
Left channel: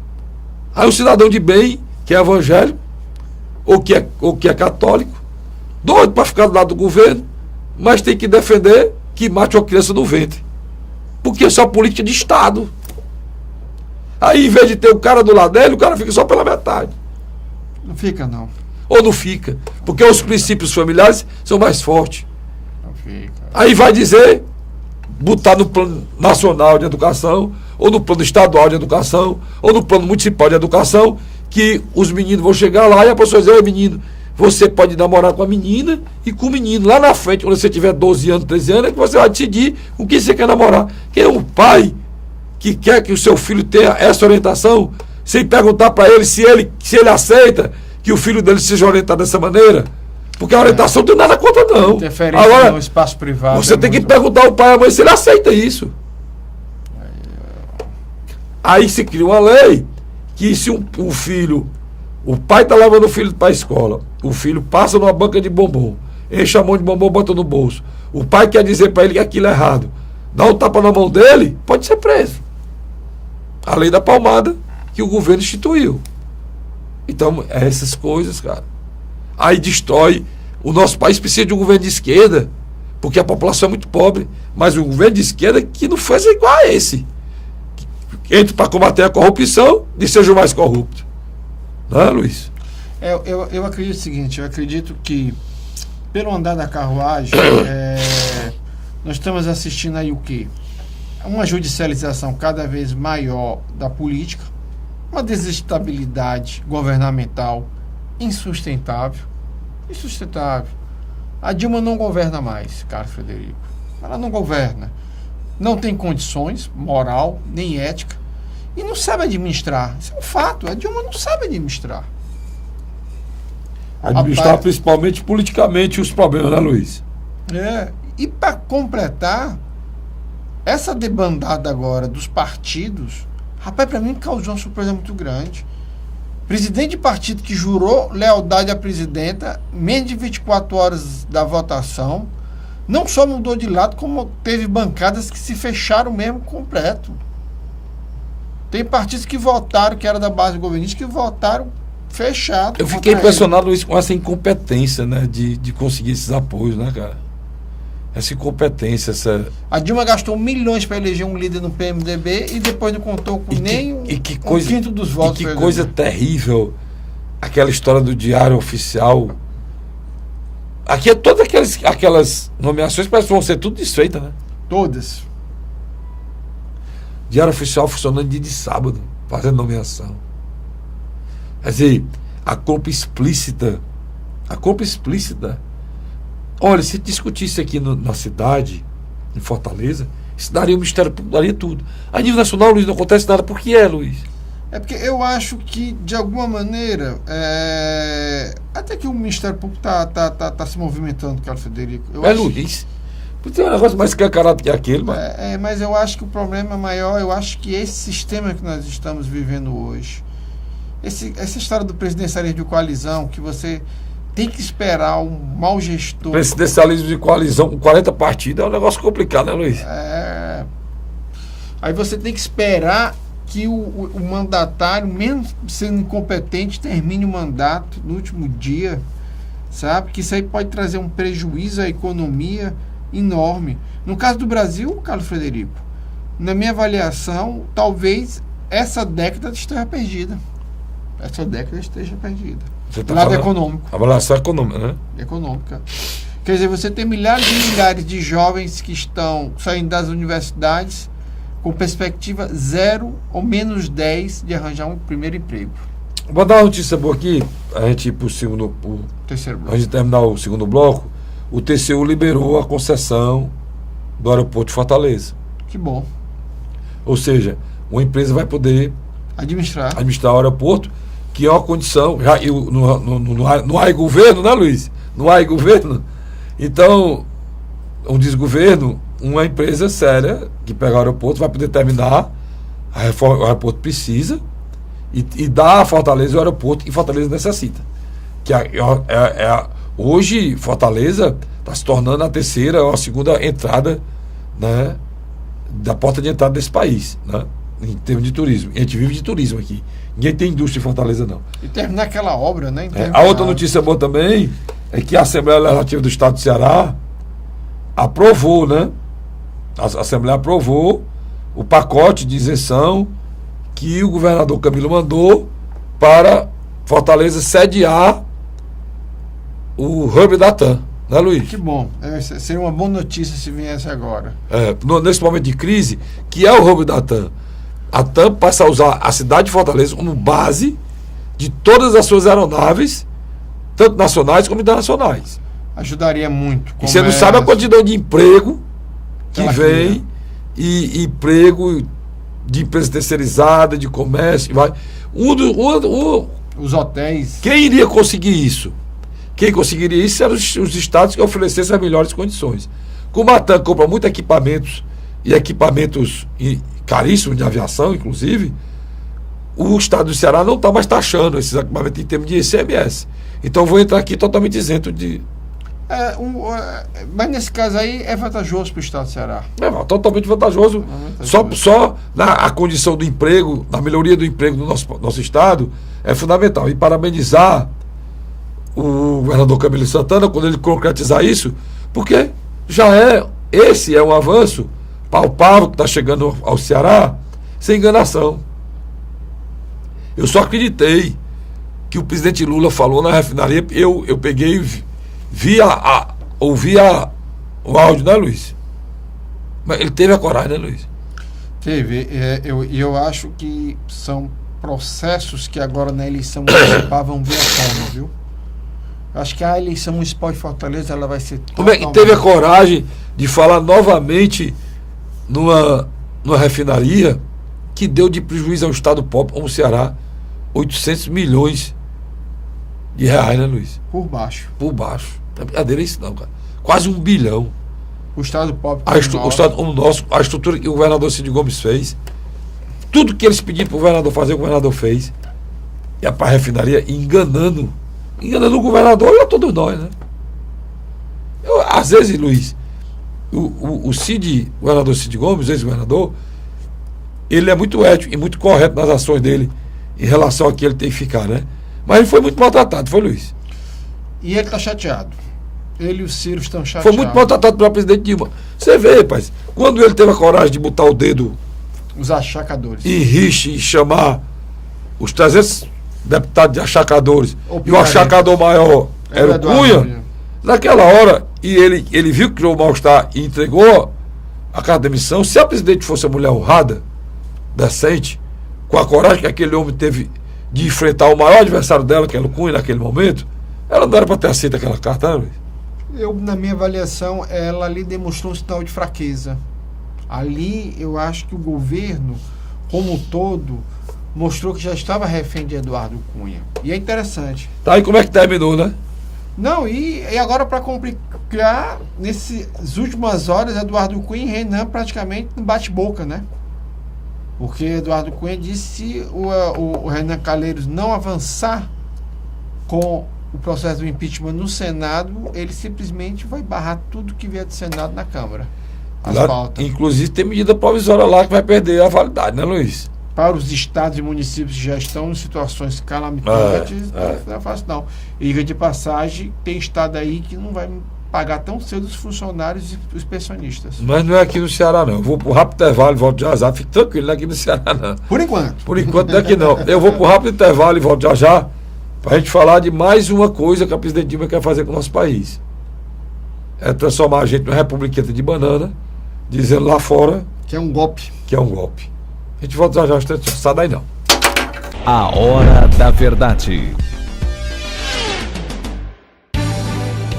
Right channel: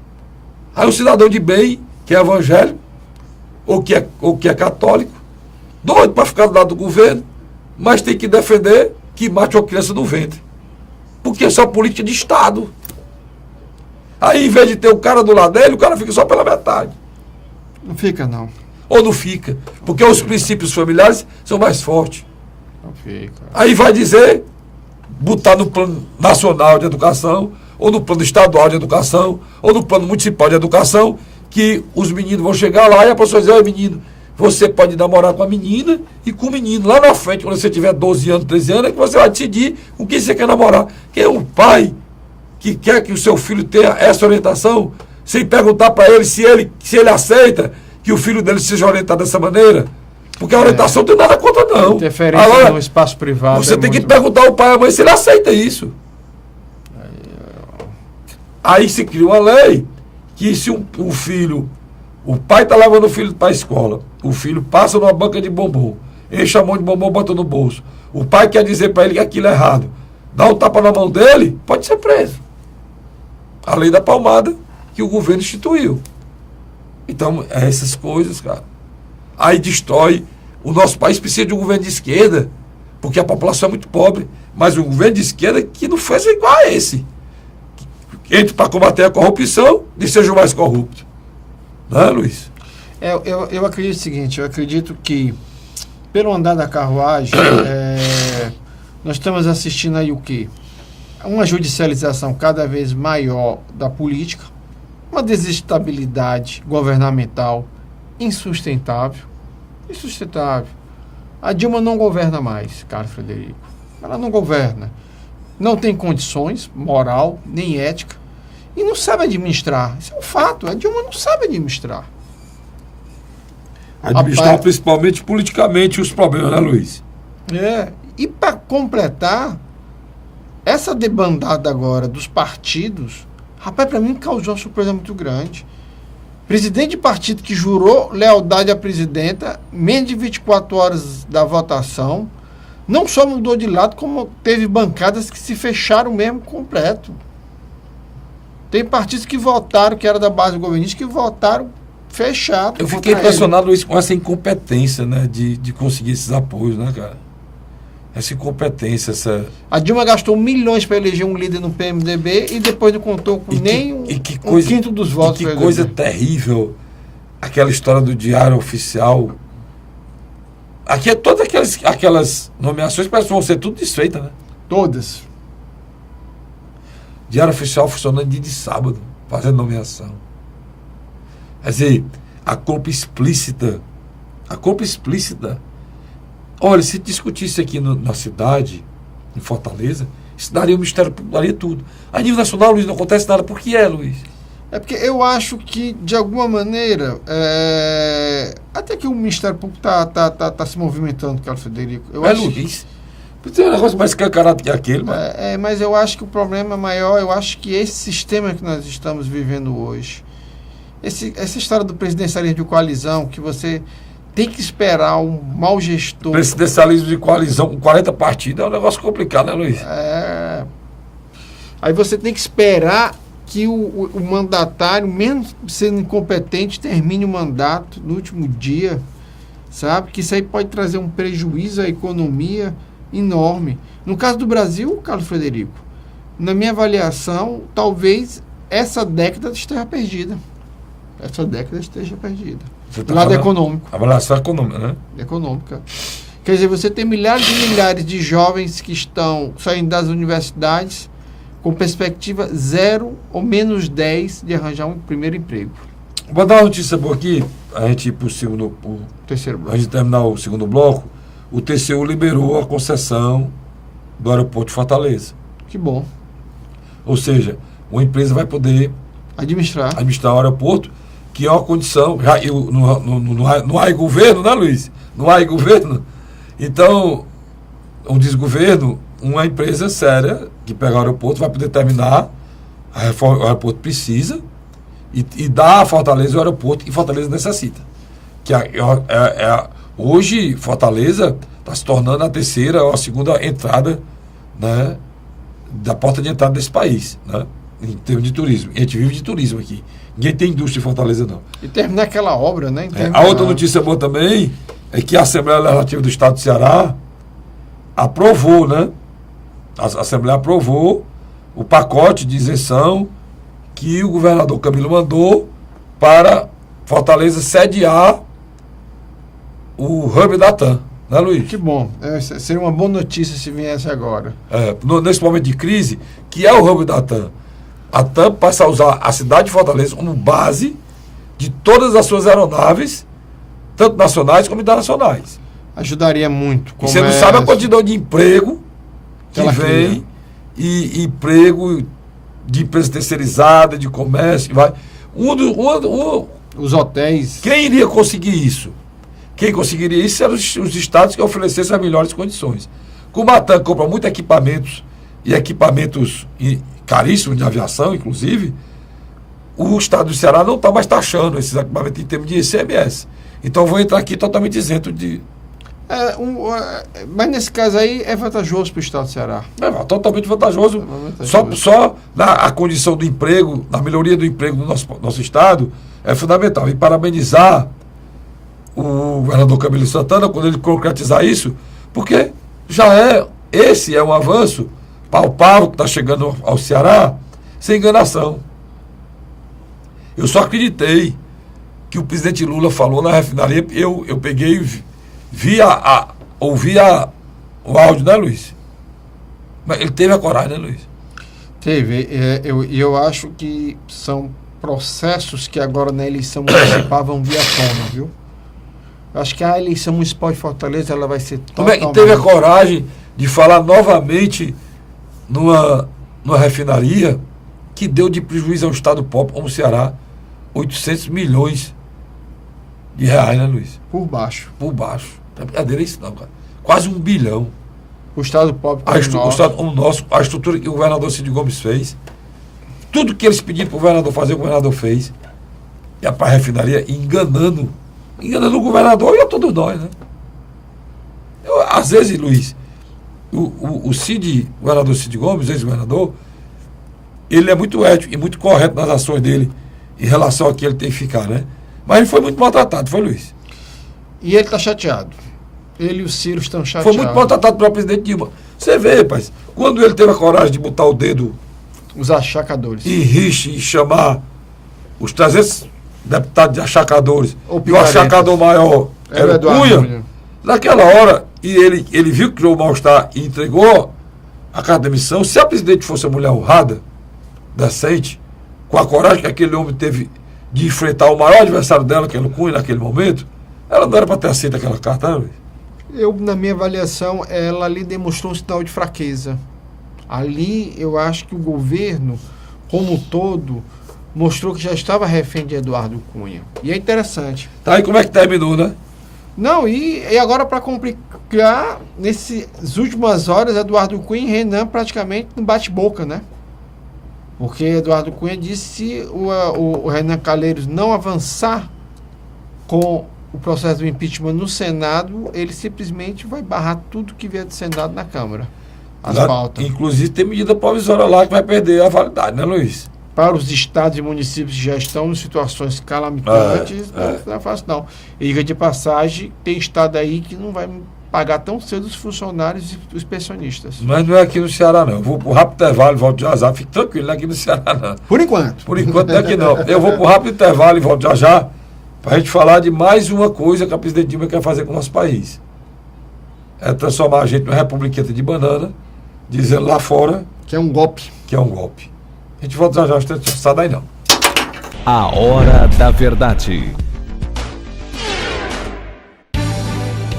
Aí o cidadão de bem, que é evangélico, ou que é católico, doido para ficar do lado do governo, mas tem que defender que mate uma criança no ventre. Porque é só política de Estado. Aí, em vez de ter o cara do lado dele, o cara fica só pela metade. Não fica, não. Ou não fica. Porque os princípios familiares são mais fortes. Não fica. Aí vai dizer, botar no plano nacional de educação, ou no plano estadual de educação, ou no plano municipal de educação, que os meninos vão chegar lá e a pessoa diz, menino, você pode namorar com a menina e com o menino. Lá na frente, quando você tiver 12 anos, 13 anos, é que você vai decidir o que você quer namorar. Porque o pai que quer que o seu filho tenha essa orientação, sem perguntar para ele se ele aceita que o filho dele seja orientado dessa maneira? Porque a orientação não tem nada contra, não. Interferência Agora, no espaço privado. você tem que perguntar ao pai e à mãe se ele aceita isso. Aí se cria uma lei que se o filho, o pai está levando o filho para a escola, o filho passa numa banca de bombom, enche a mão de bombom, bota no bolso, o pai quer dizer para ele que aquilo é errado, dá um tapa na mão dele, pode ser preso. A lei da palmada que o governo instituiu. Então, é essas coisas, cara. Aí destrói. O nosso país precisa de um governo de esquerda, porque a população é muito pobre, mas um governo de esquerda que não fez igual a esse. Entre para combater a corrupção e seja o mais corrupto. Não é, Luiz? Eu acredito o seguinte, eu acredito que, pelo andar da carruagem, nós estamos assistindo aí o quê? Uma judicialização cada vez maior da política, uma desestabilidade governamental insustentável. A Dilma não governa mais, Carlos Frederico. Ela não governa. Não tem condições, moral, nem ética. E não sabe administrar. Isso é um fato. A Dilma não sabe administrar. Administrar principalmente politicamente os problemas, né, Luiz? E para completar, essa debandada agora dos partidos, rapaz, para mim causou uma surpresa muito grande. Presidente de partido que jurou lealdade à presidenta, menos de 24 horas da votação, não só mudou de lado, como teve bancadas que se fecharam mesmo completo. Tem partidos que votaram, que era da base governista, que votaram fechado. Eu fiquei impressionado, Luiz, com essa incompetência, né, de conseguir esses apoios, né, cara? Essa incompetência, essa... A Dilma gastou milhões para eleger um líder no PMDB e depois não contou com nem um quinto dos votos. E que coisa terrível aquela história do Diário Oficial. Aqui é todas aquelas nomeações parece que vão ser tudo desfeitas, né? Todas. Diário Oficial funcionando dia de sábado, fazendo nomeação. Quer dizer, a culpa explícita. Olha, se discutisse aqui na cidade, em Fortaleza, isso daria um Ministério Público, daria tudo. A nível nacional, Luiz, não acontece nada. Por que Luiz? É porque eu acho que, de alguma maneira, até que o Ministério Público tá se movimentando, Carlos Frederico. Luiz, tem um negócio mais escancarado que aquele, mano. Mas eu acho que o problema maior, eu acho que esse sistema que nós estamos vivendo hoje, essa história do presidencialismo de coalizão, que você tem que esperar um mau gestor. Presidencialismo de coalizão com 40 partidos é um negócio complicado, né, Luiz? Aí você tem que esperar que o mandatário, mesmo sendo incompetente, termine o mandato no último dia, sabe? Que isso aí pode trazer um prejuízo à economia enorme. No caso do Brasil, Carlos Frederico, na minha avaliação, talvez essa década esteja perdida. Você tá lado econômico. Avaliação econômica, né? Econômica. Quer dizer, você tem milhares e milhares de jovens que estão saindo das universidades com perspectiva 0 ou menos 10 de arranjar um primeiro emprego. Vou dar uma notícia boa aqui, a gente ir para o terceiro bloco. A gente terminar o segundo bloco. O TCU liberou a concessão do aeroporto de Fortaleza. Que bom. Ou seja, uma empresa vai poder administrar o aeroporto, que é uma condição. Não há governo, né, Luiz? Não há governo. Então, um desgoverno, uma empresa séria que pega o aeroporto vai poder terminar. O aeroporto precisa e dar a Fortaleza o aeroporto que Fortaleza necessita. Que hoje, Fortaleza está se tornando a terceira ou a segunda entrada, né, da porta de entrada desse país, né, em termos de turismo. E a gente vive de turismo aqui. Ninguém tem indústria em Fortaleza, não. E terminar aquela obra, né? A outra notícia boa também é que a Assembleia Legislativa do Estado do Ceará aprovou, né? A Assembleia aprovou o pacote de isenção que o governador Camilo mandou para Fortaleza sediar o hub da TAM, né, Luiz? Que bom. Seria uma boa notícia se viesse agora. Nesse momento de crise, que é o hub da TAM. A TAM passa a usar a cidade de Fortaleza como base de todas as suas aeronaves, tanto nacionais como internacionais. Ajudaria muito. E você não sabe a quantidade de emprego que vem, e emprego de empresa terceirizada, de comércio, vai. Os hotéis. Quem iria conseguir isso? Quem conseguiria isso eram os estados que oferecessem as melhores condições. Como a ATAN compra muitos equipamentos, e equipamentos caríssimos de aviação, inclusive, o estado do Ceará não está mais taxando esses equipamentos em termos de ICMS. Então vou entrar aqui totalmente isento de... Mas nesse caso aí é vantajoso para o estado do Ceará. Totalmente vantajoso. Só a condição do emprego, na melhoria do emprego no nosso estado, é fundamental. E parabenizar o governador Camilo Santana quando ele concretizar isso, porque esse é um avanço palpável que está chegando ao Ceará, sem enganação. Eu só acreditei que o presidente Lula falou na refinaria, eu peguei ouvi o áudio, né, Luiz? Mas ele teve a coragem, né, Luiz? Teve. Eu acho que são processos que agora na eleição municipal vão vir à tona, viu? Eu acho que a eleição municipal de Fortaleza ela vai ser totalmente... Teve a coragem de falar novamente numa refinaria que deu de prejuízo ao estado pobre como o Ceará 800 milhões de reais, né, Luiz? Por baixo. Não é brincadeira isso não, cara. Quase 1 bilhão. O estado pobre o estado como o nosso, a estrutura que o governador Cid Gomes fez, tudo que eles pediram para o governador fazer, o governador fez. E para a refinaria enganando o governador e a todos nós, né? Às vezes, Luiz, o governador Cid Gomes, ex-governador, ele é muito ético e muito correto nas ações dele em relação a que ele tem que ficar, né? Mas ele foi muito maltratado, foi, Luiz? E ele está chateado. Ele e o Ciro estão chateados. Foi muito maltratado pelo presidente Dilma. Você vê, rapaz, quando ele teve a coragem de botar o dedo... Os achacadores. E rixe e chamar os 300 deputados de achacadores, e o achacador maior era o Cunha, naquela hora, e ele viu que criou o mal-estar e entregou a carta de demissão. Se a presidente fosse uma mulher honrada, decente, com a coragem que aquele homem teve de enfrentar o maior adversário dela, que era o Cunha, naquele momento, ela não era para ter aceito aquela carta, né, Luiz? Na minha avaliação, ela ali demonstrou um sinal de fraqueza. Ali, eu acho que o governo, como um todo, mostrou que já estava refém de Eduardo Cunha. E é interessante. Tá, e como é que terminou, né? Não, e agora para complicar, nessas últimas horas, Eduardo Cunha e Renan praticamente no bate-boca, né? Porque Eduardo Cunha disse que se o Renan Calheiros não avançar com o processo do impeachment no Senado, ele simplesmente vai barrar tudo que vier do Senado na Câmara. Inclusive tem medida provisória lá que vai perder a validade, né, Luiz? Para os estados e municípios que já estão em situações calamitantes, não é fácil não. E diga de passagem, tem estado aí que não vai pagar tão cedo os funcionários e os pensionistas. Mas não é aqui no Ceará, não. Eu vou pro rápido intervalo e volto já já. Fique tranquilo, não é aqui no Ceará, não. Por enquanto. Por enquanto não é aqui, não. Eu vou pro rápido intervalo e volto já já para a gente falar de mais uma coisa que a presidente Dilma quer fazer com o nosso país. É transformar a gente numa republiqueta de banana, dizendo lá fora... Que é um golpe. Que é um golpe. A gente volta já já, não sai daí não. A Hora da Verdade.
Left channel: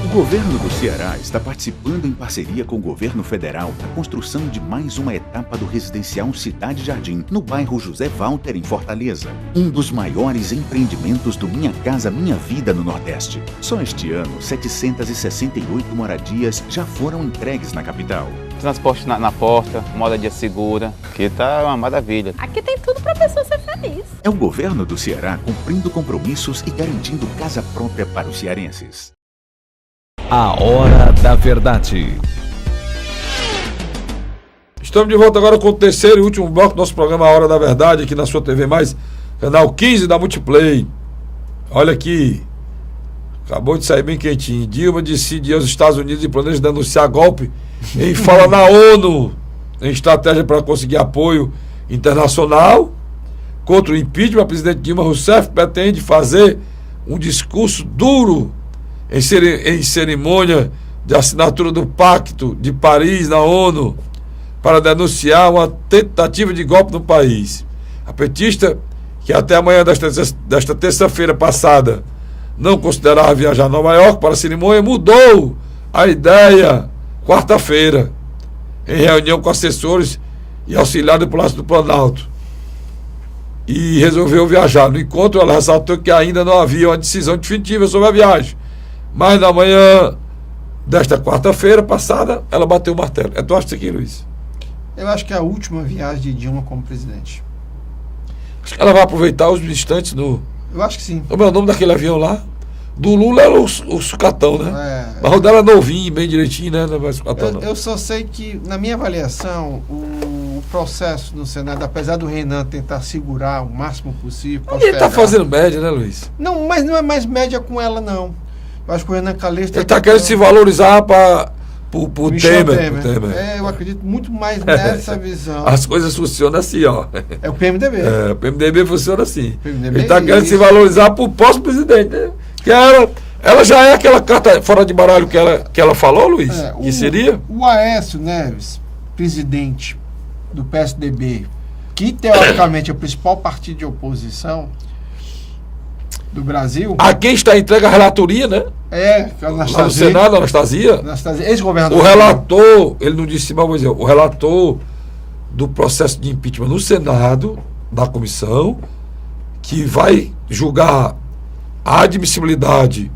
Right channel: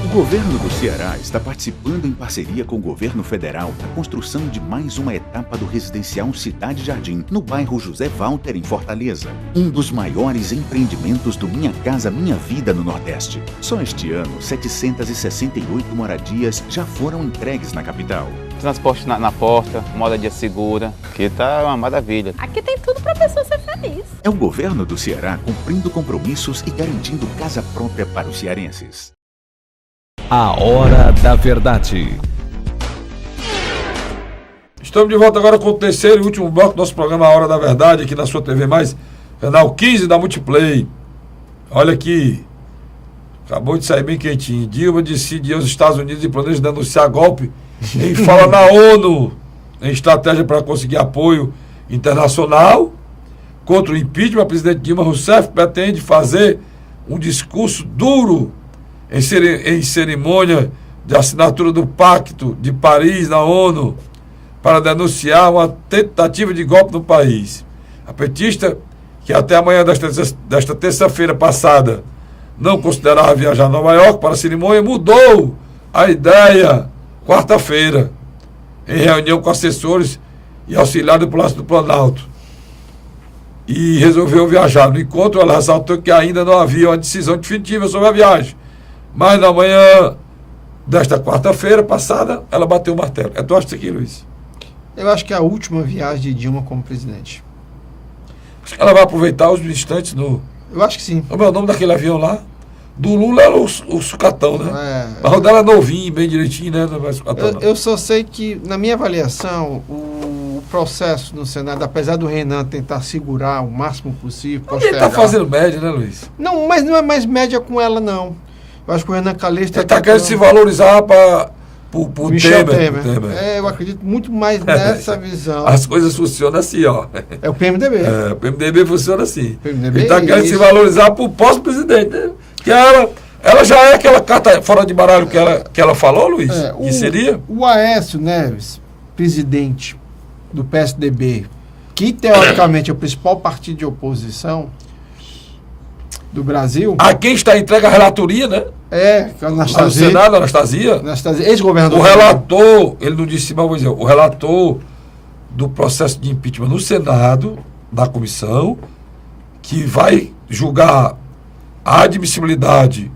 O governo do Ceará está participando em parceria com o governo federal da construção de mais uma etapa do residencial Cidade Jardim, no bairro José Walter, em Fortaleza. Um dos maiores empreendimentos do Minha Casa Minha Vida no Nordeste. Só este ano, 768 moradias já foram entregues na capital. Transporte na porta, moradia segura, que tá uma maravilha. Aqui tem tudo pra pessoa ser feliz. É o governo do Ceará cumprindo compromissos e garantindo casa própria para os cearenses. A Hora da Verdade. Estamos de volta agora com o terceiro e último bloco do nosso programa A Hora da Verdade, aqui na sua TV+, canal 15 da Multiplay. Olha aqui, acabou de sair bem quentinho. Dilma decide ir aos Estados Unidos e planeja denunciar golpe em fala na ONU, em estratégia para conseguir apoio internacional contra o impeachment. A presidente Dilma Rousseff pretende fazer um discurso duro em cerimônia de assinatura do Pacto de Paris na ONU para denunciar uma tentativa de golpe no país. A petista, que até amanhã desta terça-feira passada não considerava viajar a Nova York para a cerimônia, mudou a ideia quarta-feira, em reunião com assessores e auxiliar do Palácio do Planalto, e resolveu viajar. No encontro, ela ressaltou que ainda não havia uma decisão definitiva sobre a viagem, mas na manhã desta quarta-feira passada, ela bateu o martelo. Tu acha isso aqui, Luiz? Eu acho que é a última viagem de Dilma como presidente. Acho que ela vai aproveitar os instantes do... Eu acho que sim. Como é o nome daquele avião lá? Do Lula era o sucatão, né? É, Mas o dela é novinho, bem direitinho, né? Não é mais sucatão, não. eu só sei que, na minha avaliação, o processo no Senado, apesar do Renan tentar segurar o máximo possível... Ele tá fazendo média, né, Luiz? Não, mas não é mais média com ela, não. Eu acho que o Renan Calixto... Ele tá querendo se valorizar pro Michel Temer. Eu acredito muito mais nessa visão. As coisas funcionam assim, ó. É o PMDB. O PMDB funciona assim. PMDB Ele tá querendo se isso. valorizar pro pós-presidente, né? Que ela já é aquela carta fora de baralho que ela falou, Luiz? Que seria? O Aécio Neves, presidente do PSDB, que teoricamente é o principal partido de oposição do Brasil. A quem está entregue a relatoria, né? Lá no Lá no Senado, Anastasia. Ex-governador. O relator, ele não disse, mas vou dizer, o relator do processo de impeachment no Senado, da comissão, que vai julgar a admissibilidade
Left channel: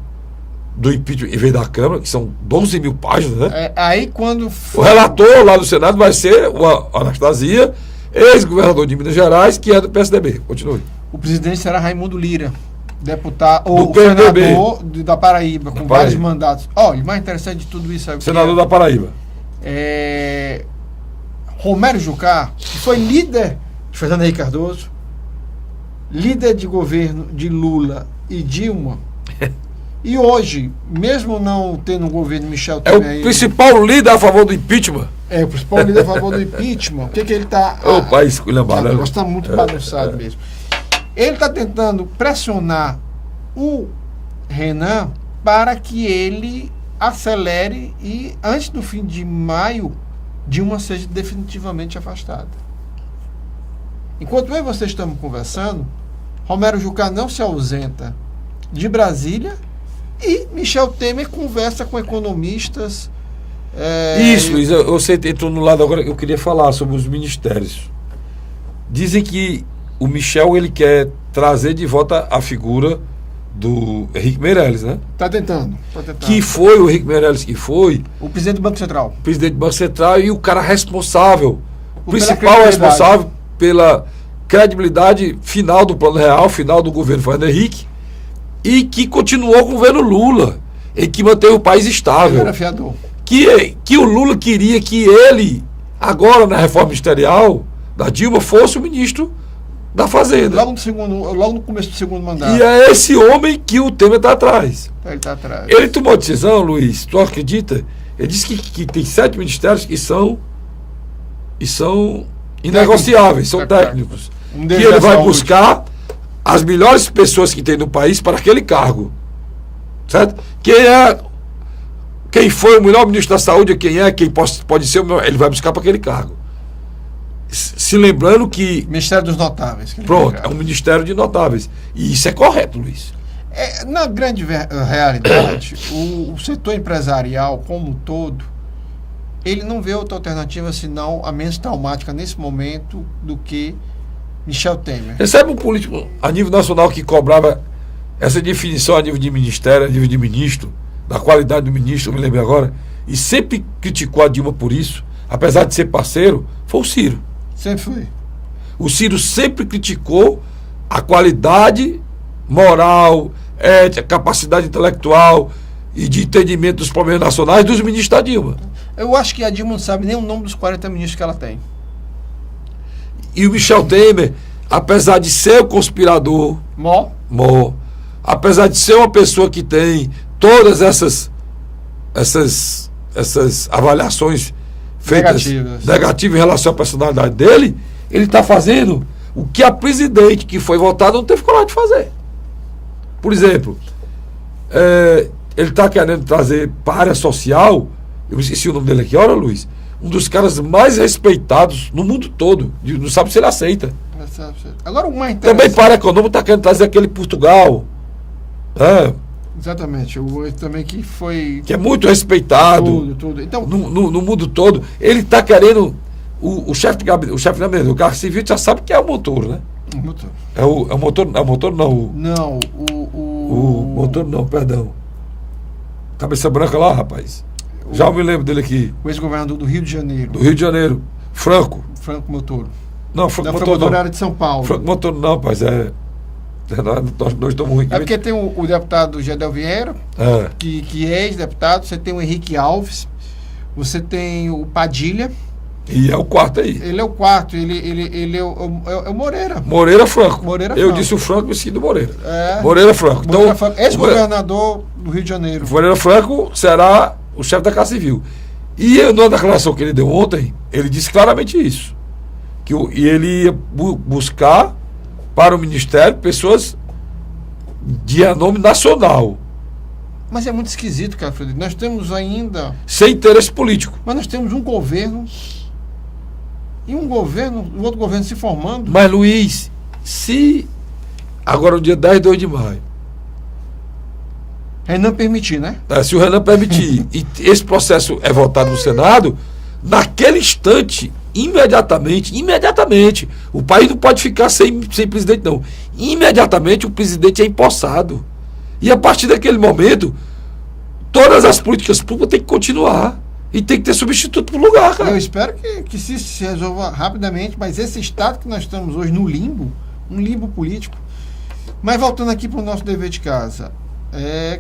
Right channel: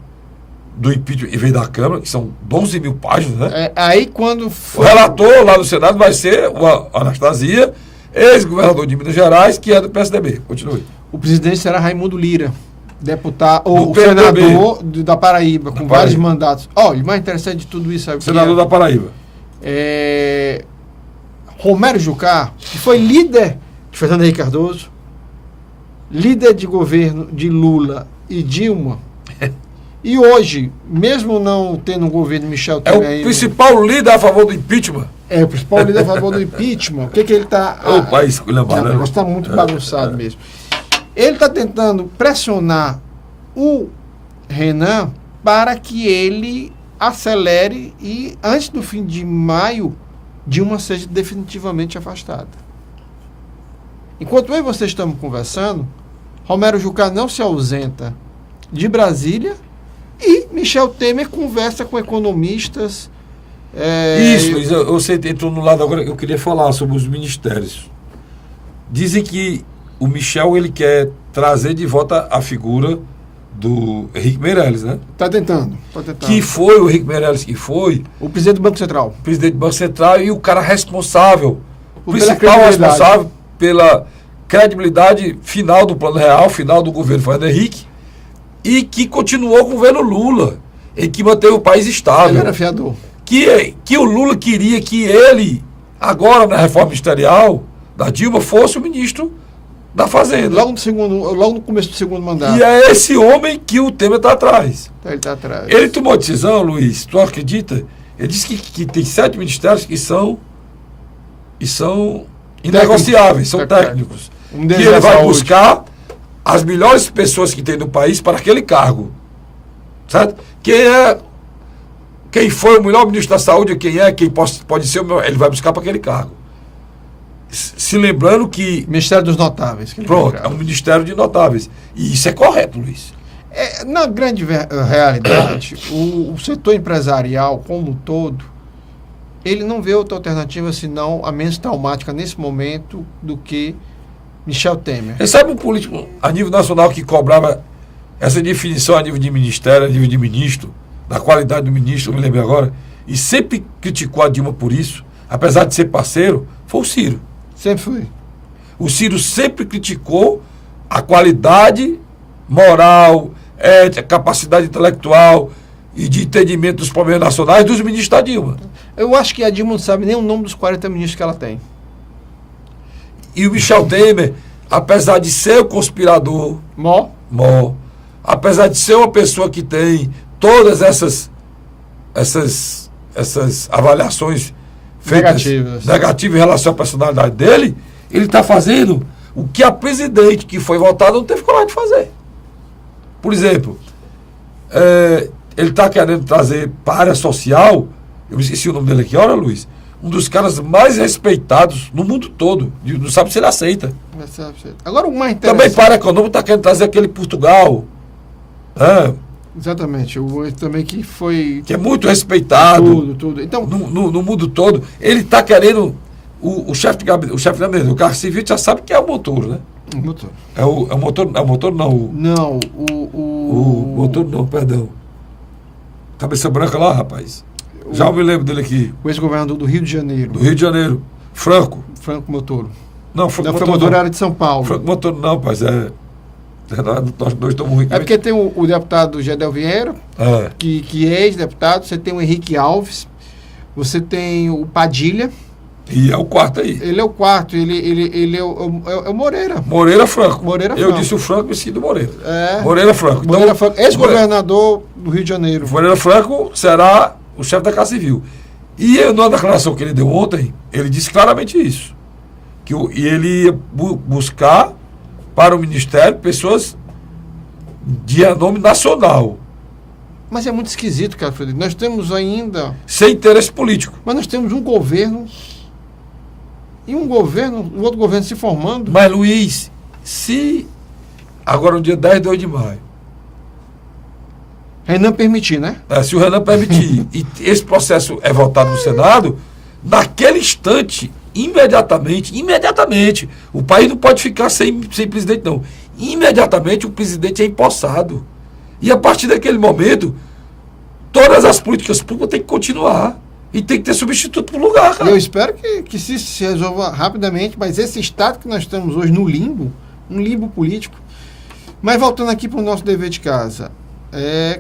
do impeachment em vez da Câmara, que são 12 mil páginas, né? Aí quando O relator lá no Senado vai ser o Anastasia, ex-governador de Minas Gerais, que é do PSDB. Continue. O presidente será Raimundo Lira, deputado, Do o PMDB. senador da Paraíba, com Paraíba. vários mandatos. Olha, o mais interessante de tudo isso é o que Senador da Paraíba. Romero Jucá, que foi líder de Fernando Henrique Cardoso, líder de governo de Lula e Dilma, e hoje, mesmo não tendo um governo Michel É o Temer, principal líder a favor do impeachment. o principal líder a favor do impeachment. O que ele está... É o país que O lembra, negócio está muito bagunçado mesmo. Ele está tentando pressionar o Renan para que ele acelere e, antes do fim de maio, Dilma seja definitivamente afastada. Enquanto eu e você estamos conversando, Romero Jucá não se ausenta de Brasília e Michel Temer conversa com economistas. Isso, Luiz, você entrou no lado agora que eu queria falar sobre os ministérios. Dizem que o Michel, ele quer trazer de volta a figura do Henrique Meirelles, né? Está tentando. Que foi o Henrique Meirelles, que foi O presidente do Banco Central. presidente do Banco Central e o cara responsável, o Pela principal credibilidade. responsável pela credibilidade final do Plano Real, final do governo Fernando Henrique, e que continuou com o governo Lula, e que manteve o país Ele estável. era fiador. Que o Lula queria que ele, agora na reforma ministerial da Dilma, fosse o ministro da Fazenda. Logo no começo do segundo mandato. E é esse homem que o Temer está atrás. Ele está atrás. Ele tomou a decisão, Luiz, tu acredita? Ele disse que tem 7 ministérios que são inegociáveis, são técnicos. Um Que deles ele é vai saúde. buscar as melhores pessoas que tem no país para aquele cargo. Certo? Quem foi o melhor ministro da saúde, quem pode ser o melhor, ele vai buscar para aquele cargo. Se lembrando que, Ministério dos Notáveis. Que ele pronto, pegava. é um ministério de notáveis. E isso é correto, Luiz. Na grande realidade, o setor empresarial como um todo, ele não vê outra alternativa senão a menos traumática nesse momento do que Michel Temer. Recebe um político a nível nacional que cobrava essa definição a nível de ministério, a nível de ministro, da qualidade do ministro, eu me lembro agora, e sempre criticou a Dilma por isso, apesar de ser parceiro, foi o Ciro. Sempre foi. O Ciro sempre criticou a qualidade moral, ética, capacidade intelectual e de entendimento dos problemas nacionais dos ministros da Dilma. Eu acho que a Dilma não sabe nem o nome dos 40 ministros que ela tem. E o Michel Temer, apesar de ser o conspirador, apesar de ser uma pessoa que tem todas essas avaliações feitas negativas em relação à personalidade dele, ele está fazendo o que a presidente que foi votada não teve coragem de fazer. Por exemplo, ele está querendo trazer para a área social, eu me esqueci o nome dele aqui, olha, Luiz, um dos caras mais respeitados no mundo todo, não sabe se ele aceita. Agora o mais Também interessante... para a econômica está querendo trazer aquele Portugal, Exatamente, o também que foi... que é muito respeitado Tudo. Então, no mundo todo. Ele está querendo O chefe de gabinete, o chefe de gabinete do carro civil já sabe que é o motor, né? O motor. É o motor, não. Não, O motor não, perdão. Cabeça branca lá, rapaz. Já me lembro dele aqui. o ex-governador do Rio de Janeiro. Do Rio de Janeiro. Franco. Franco Motor. Não, Franco Não, Motor Franco Motor não. era de São Paulo. Franco Motor não, rapaz. Nós dois estamos ruins. É porque tem o deputado Gedel Vieira, Ah, que é ex-deputado, você tem o Henrique Alves, você tem o Padilha, e é o quarto aí. ele é o quarto, ele é o Moreira. Moreira Franco. Moreira Eu Franco. disse o Franco e esqueci do Moreira. É. Moreira Franco. Moreira Franco, ex-governador do Rio de Janeiro. Moreira Franco será o chefe da Casa Civil. E na declaração que ele deu ontem, ele disse claramente isso. E ele ia buscar para o Ministério pessoas de renome nacional, Mas é muito esquisito, cara, Frederico. Nós temos ainda... sem interesse político. Mas nós temos um governo... E um outro governo se formando... Mas, Luiz, se agora no dia 2 de maio, Renan permitir, né? se o Renan permitir, e esse processo é votado no Senado, naquele instante, imediatamente, o país não pode ficar sem presidente, não. Imediatamente o presidente é empossado. E a partir daquele momento, todas as políticas públicas têm que continuar. E tem que ter substituto para o lugar, cara. Eu espero que se resolva rapidamente, mas esse estado que nós estamos hoje no limbo, um limbo político. Mas voltando aqui para o nosso dever de casa,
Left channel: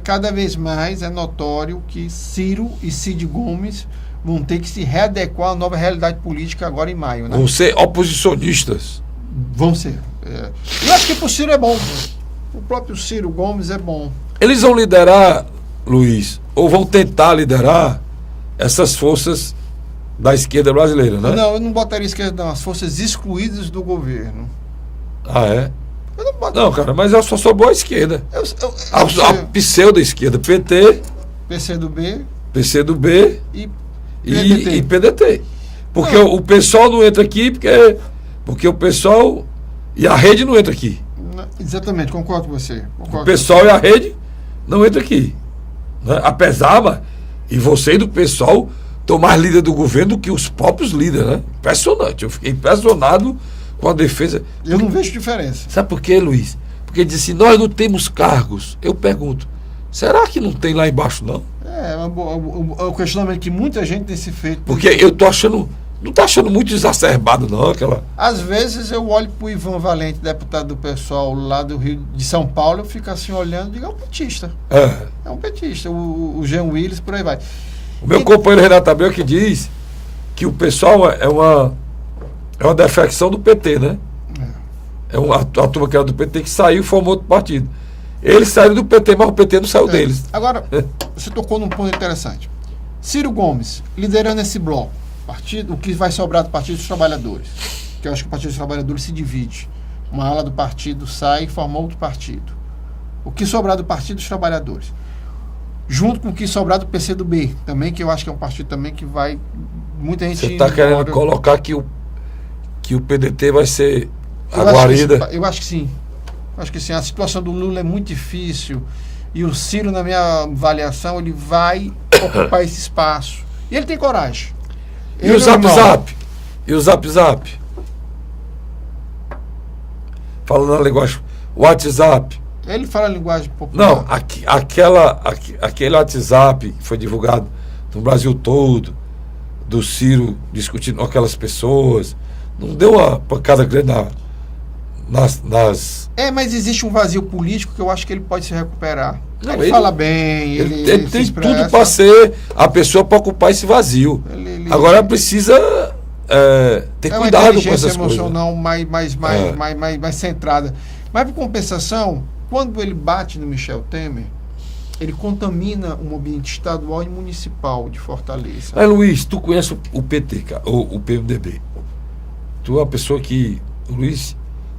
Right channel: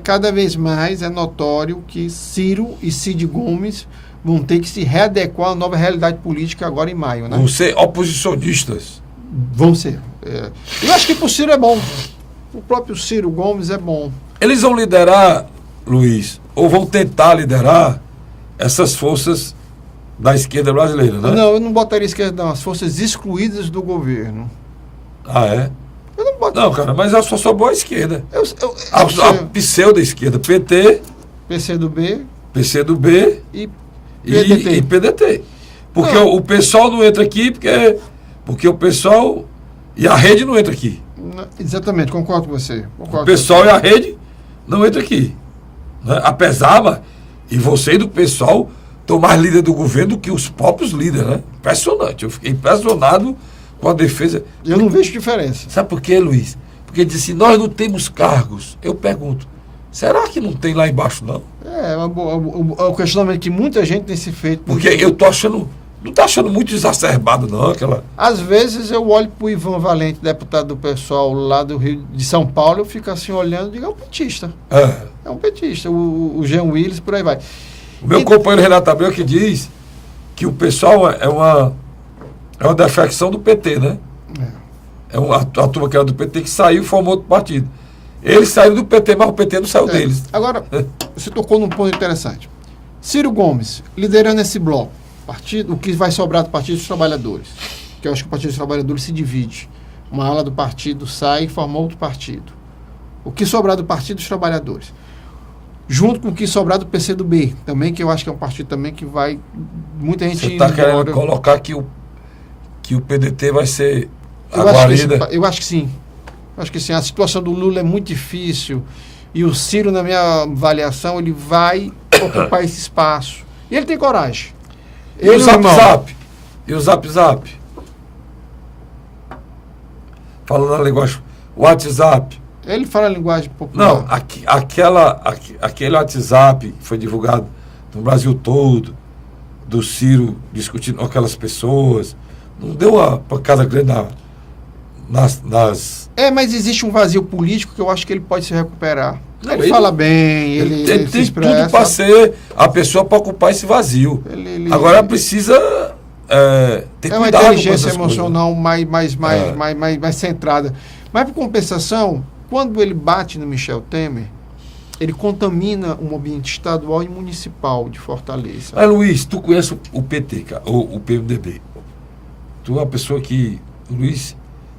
cada vez mais é notório que Ciro e Cid Gomes vão ter que se readequar à nova realidade política agora em maio, né? Vão ser oposicionistas. Vão ser. Eu acho que para o Ciro é bom. O próprio Ciro Gomes é bom. Eles vão liderar, Luiz, ou vão tentar liderar essas forças da esquerda brasileira, né? Não, eu não botaria esquerda, não. As forças excluídas do governo. Ah, é? Eu não boto. Não, cara, mas só sobrou a esquerda. Eu A pseudo-esquerda, PT, PCdoB PCdoB e e PDT. Porque o pessoal não entra aqui, porque o pessoal e a rede não entra aqui. Exatamente, concordo com você. O pessoal e a rede não entra aqui. Né? Apesar, e você e do pessoal estão mais líder do governo do que os próprios líderes, né? Impressionante. Eu fiquei impressionado com a defesa. Eu não vejo diferença. Sabe por quê, Luiz? Porque diz assim, nós não temos cargos. Eu pergunto, será que não tem lá embaixo, não? O questionamento que muita gente tem se feito. Porque eu tô achando, não tá achando muito exacerbado, não, aquela... Às vezes eu olho pro Ivan Valente, deputado do pessoal lá do Rio de São Paulo, eu fico assim olhando e digo, é um petista. É um petista. O Jean Willis, por aí vai. O meu companheiro Renato Abreu que diz que o pessoal é uma defecção do PT, né? É uma turma que era do PT que saiu e formou outro partido. Eles saíram do PT, mas o PT não saiu deles. Agora, você tocou num ponto interessante. Ciro Gomes, liderando esse bloco, o que vai sobrar do Partido dos Trabalhadores, que eu acho que o Partido dos Trabalhadores se divide. Uma ala do partido sai e forma outro partido. O que sobrar do Partido dos Trabalhadores, junto com o que sobrar do PCdoB, também, que eu acho que é um partido também que vai... Muita gente... Você está querendo colocar que o PDT vai ser a eu guarida? Eu acho que sim. Eu acho que sim. A situação do Lula é muito difícil e o Ciro, na minha avaliação, ele vai ocupar esse espaço. E ele tem coragem. E o Zap Zap? E o Zap Zap? Falando na linguagem WhatsApp. Ele fala a linguagem popular. Não, aquele WhatsApp que foi divulgado no Brasil todo, do Ciro discutindo com aquelas pessoas, não deu uma pancada grande nas... Mas existe um vazio político que eu acho que ele pode se recuperar. Ele fala bem, ele tem tudo para ser a pessoa para ocupar esse vazio. Agora precisa ter cuidado com essas coisas. É uma inteligência emocional mais centrada. Mas, por compensação, quando ele bate no Michel Temer, ele contamina um ambiente estadual e municipal de Fortaleza. Luiz, tu conhece o PT, cara, o PMDB. Tu é uma pessoa que, Luiz,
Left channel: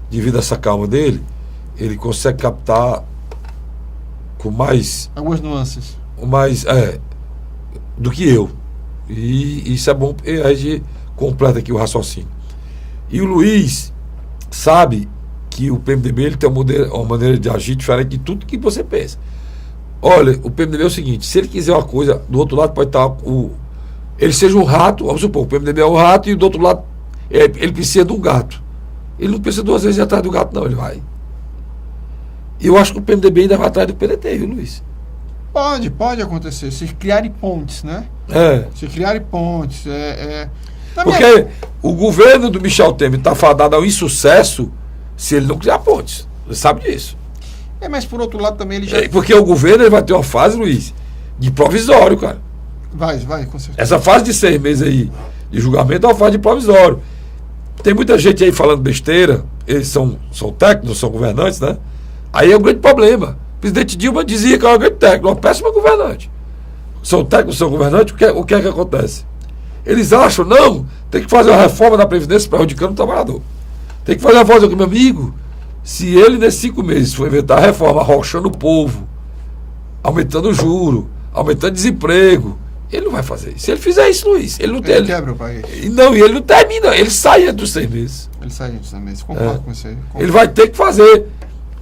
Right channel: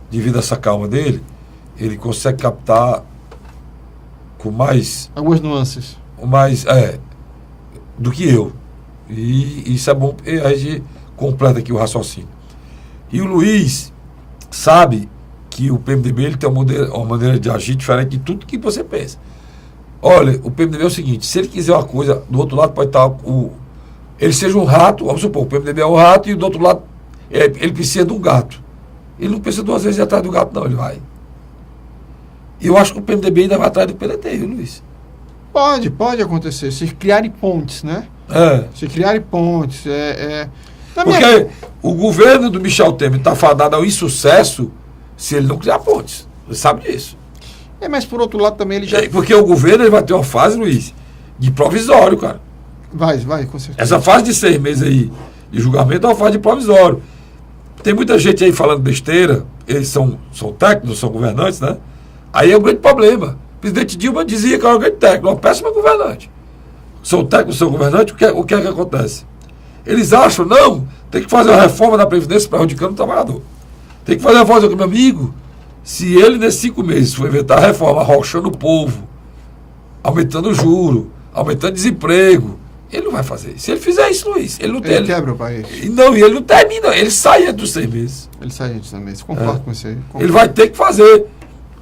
devido a essa calma dele, ele consegue captar com mais... algumas nuances. Do que eu. E isso é bom, a gente completa aqui o raciocínio. E o Luiz sabe que o PMDB ele tem uma maneira de agir diferente de tudo que você pensa. Olha, o PMDB é o seguinte, se ele quiser uma coisa, do outro lado pode estar o ele seja um rato, vamos supor, o PMDB é um rato e do outro lado ele precisa de um gato. Ele não precisa 2 vezes ir atrás do gato, não, ele vai. E eu acho que o PMDB ainda vai atrás do PDT, viu, Luiz? Pode acontecer, se criarem pontes, né? Se criarem pontes. Porque o governo do Michel Temer está fadado ao insucesso se ele não criar pontes. Você sabe disso. Mas por outro lado também ele já... Porque o governo ele vai ter uma fase, Luiz, de provisório, cara. Vai, com certeza. Essa fase de 6 meses aí de julgamento é uma fase de provisório. Tem muita gente aí falando besteira, eles são técnicos, são governantes, né? Aí é um grande problema. O presidente Dilma dizia que era um grande técnico, uma péssima governante. São técnicos, são governantes, o que é que acontece? Eles acham, não, tem que fazer uma reforma da Previdência prejudicando o trabalhador. Tem que fazer uma reforma, meu amigo. Se ele, nesses 5 meses, for inventar a reforma, arrochando o povo, aumentando o juro, aumentando o desemprego, ele não vai fazer isso. Se ele fizer isso, Luiz, ele não tem. Ele quebra o país. Não, e ele não termina, ele sai dos 6 meses. Ele sai dos 6 meses, concordo com você. Ele vai ter que fazer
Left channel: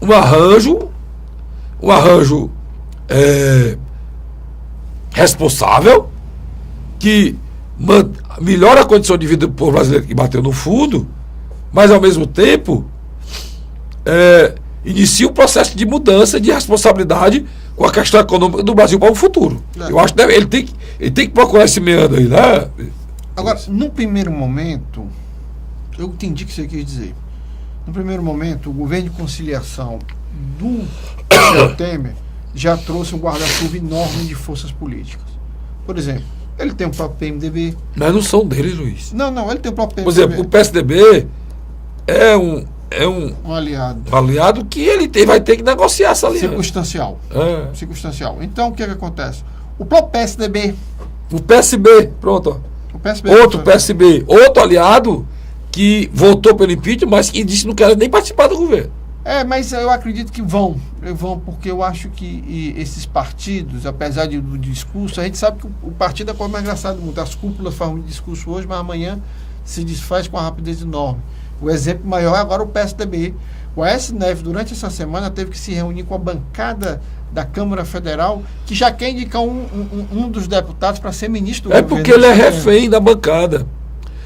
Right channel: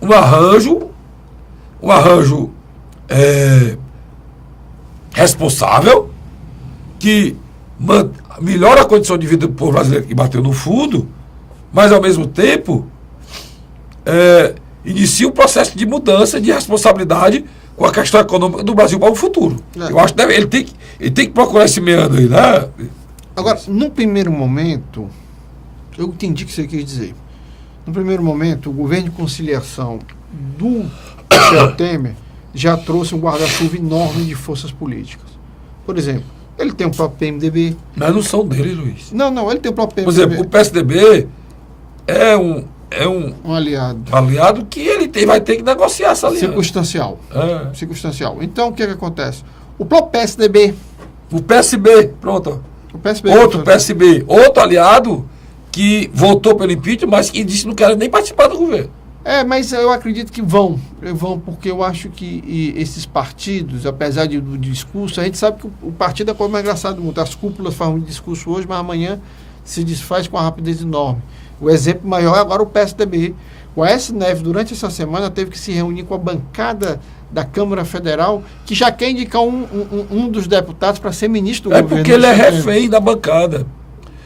um arranjo responsável que melhora a condição de vida do povo brasileiro que bateu no fundo, mas ao mesmo tempo inicia o processo de mudança, de responsabilidade com a questão econômica do Brasil para o futuro. Eu acho que ele tem que procurar esse meandro aí, né? Agora, no primeiro momento, eu entendi o que você quis dizer. No primeiro momento, o governo de conciliação do Michel Temer já trouxe um guarda-chuva enorme de forças políticas. Por exemplo, ele tem o próprio PMDB. Mas não são deles, Luiz. Não, ele tem o próprio PMDB. Por exemplo, o PSDB é um aliado que ele vai ter que negociar essa aliança. Circunstancial. Então, o que acontece? O próprio PSDB. O PSB, pronto. O PSB, outro PSB, outro aliado que votou pelo impeachment, mas que disse que não quer nem participar do governo. Mas eu acredito que vão, porque eu acho que esses partidos, apesar do discurso, a gente sabe que o partido é a coisa mais engraçada do mundo. As cúpulas falam de discurso hoje, mas amanhã se desfaz com uma rapidez enorme. O exemplo maior é agora o PSDB. O Aécio Neves, durante essa semana, teve que se reunir com a bancada da Câmara Federal, que já quer indicar um dos deputados para ser ministro do governo. Porque ele é refém da bancada.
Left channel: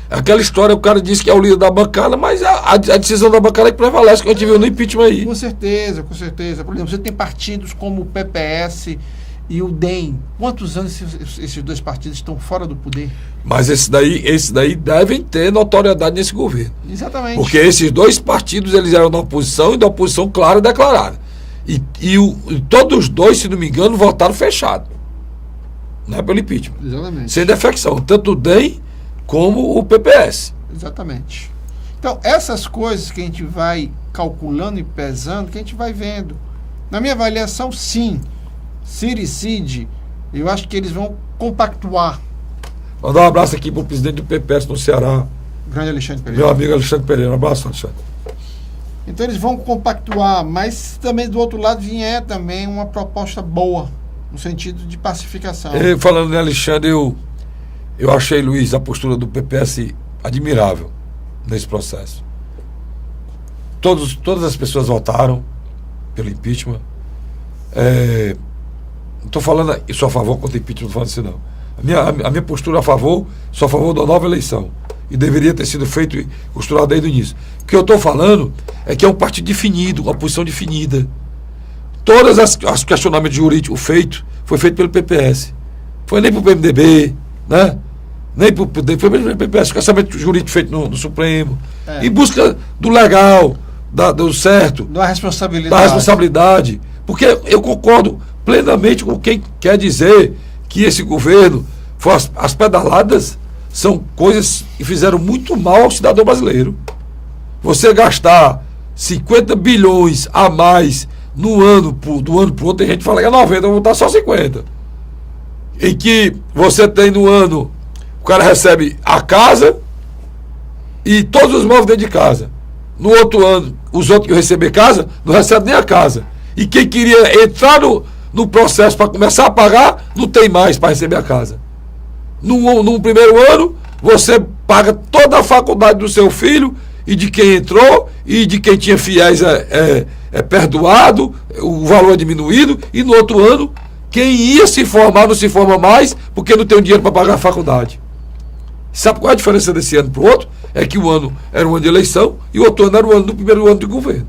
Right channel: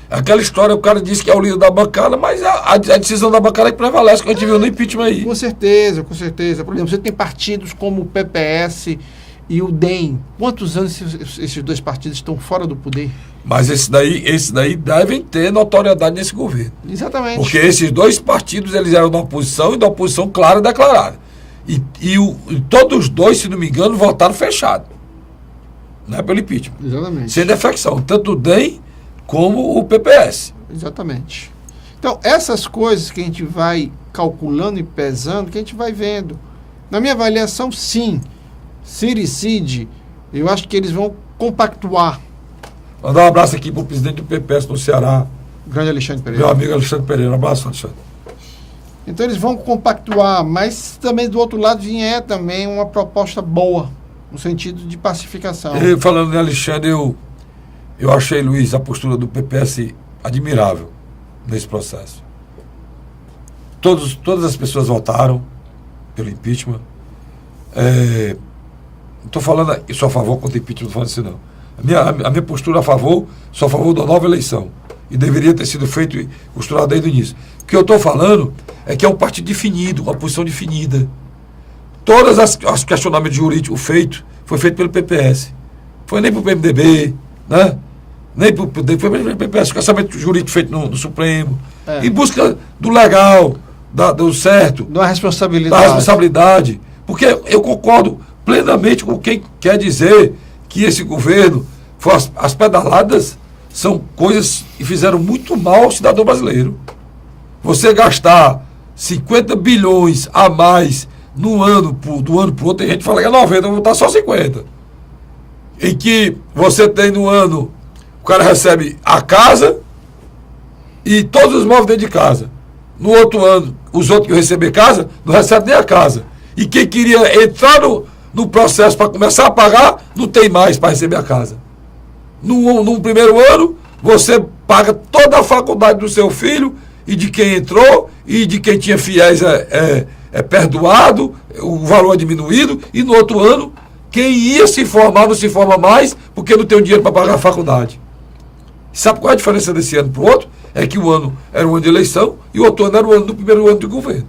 Aquela história, o cara disse que é o líder da bancada, mas a decisão da bancada é que prevalece, que a gente viu no impeachment aí. Com certeza. Por exemplo, você tem partidos como o PPS e o DEM. Quantos anos esses 2 partidos estão fora do poder? Mas esses daí devem ter notoriedade nesse governo. Exatamente. Porque esses 2 partidos, eles eram da oposição e da oposição clara e declarada. E todos os 2, se não me engano, votaram fechado. Né, pelo impeachment. Exatamente. Sem defecção. Tanto o DEM como o PPS. Exatamente. Então, essas coisas que a gente vai calculando e pesando, que a gente vai vendo. Na minha avaliação, sim. Ciro e Cid, eu acho que eles vão compactuar. Mandar um abraço aqui para o presidente do PPS no Ceará. Grande Alexandre Pereira. Meu amigo Alexandre Pereira. Um abraço, Alexandre. Então eles vão compactuar, mas também do outro lado vier também uma proposta boa, no sentido de pacificação. Falando em Alexandre, eu achei, Luiz, a postura do PPS admirável nesse processo. Todas as pessoas votaram pelo impeachment. Não estou falando, eu sou a favor contra o impeachment, não estou falando assim, não. A minha postura sou a favor da nova eleição. E deveria ter sido feito e costurado desde o início. O que eu estou falando é que é um partido definido, uma posição definida. Todos os questionamentos jurídicos foi feito pelo PPS. Foi nem para o PMDB, né? Nem para o PDB, foi pelo PPS. O questionamento jurídico feito no Supremo. Em busca do legal, do certo. Da responsabilidade. Porque eu concordo plenamente com quem quer dizer que esse governo, as pedaladas são coisas que fizeram muito mal ao cidadão brasileiro. Você gastar 50 bilhões a mais no ano, do ano para o outro, tem gente que fala que é 90, eu vou botar só 50. Em que você tem no ano, o cara recebe a casa e todos os móveis dentro de casa. No outro ano, os outros que receber casa, não recebem nem a casa. E quem queria entrar no processo para começar a pagar, não tem mais para receber a casa. Num primeiro ano, você paga toda a faculdade do seu filho e de quem entrou, e de quem tinha fiéis perdoado, o valor é diminuído, e no outro ano, Quem ia se formar não se forma mais porque não tem o dinheiro para pagar a faculdade. Sabe qual é a diferença desse ano para o outro? É que o ano era um ano de eleição e o outro ano era o ano do primeiro ano de governo.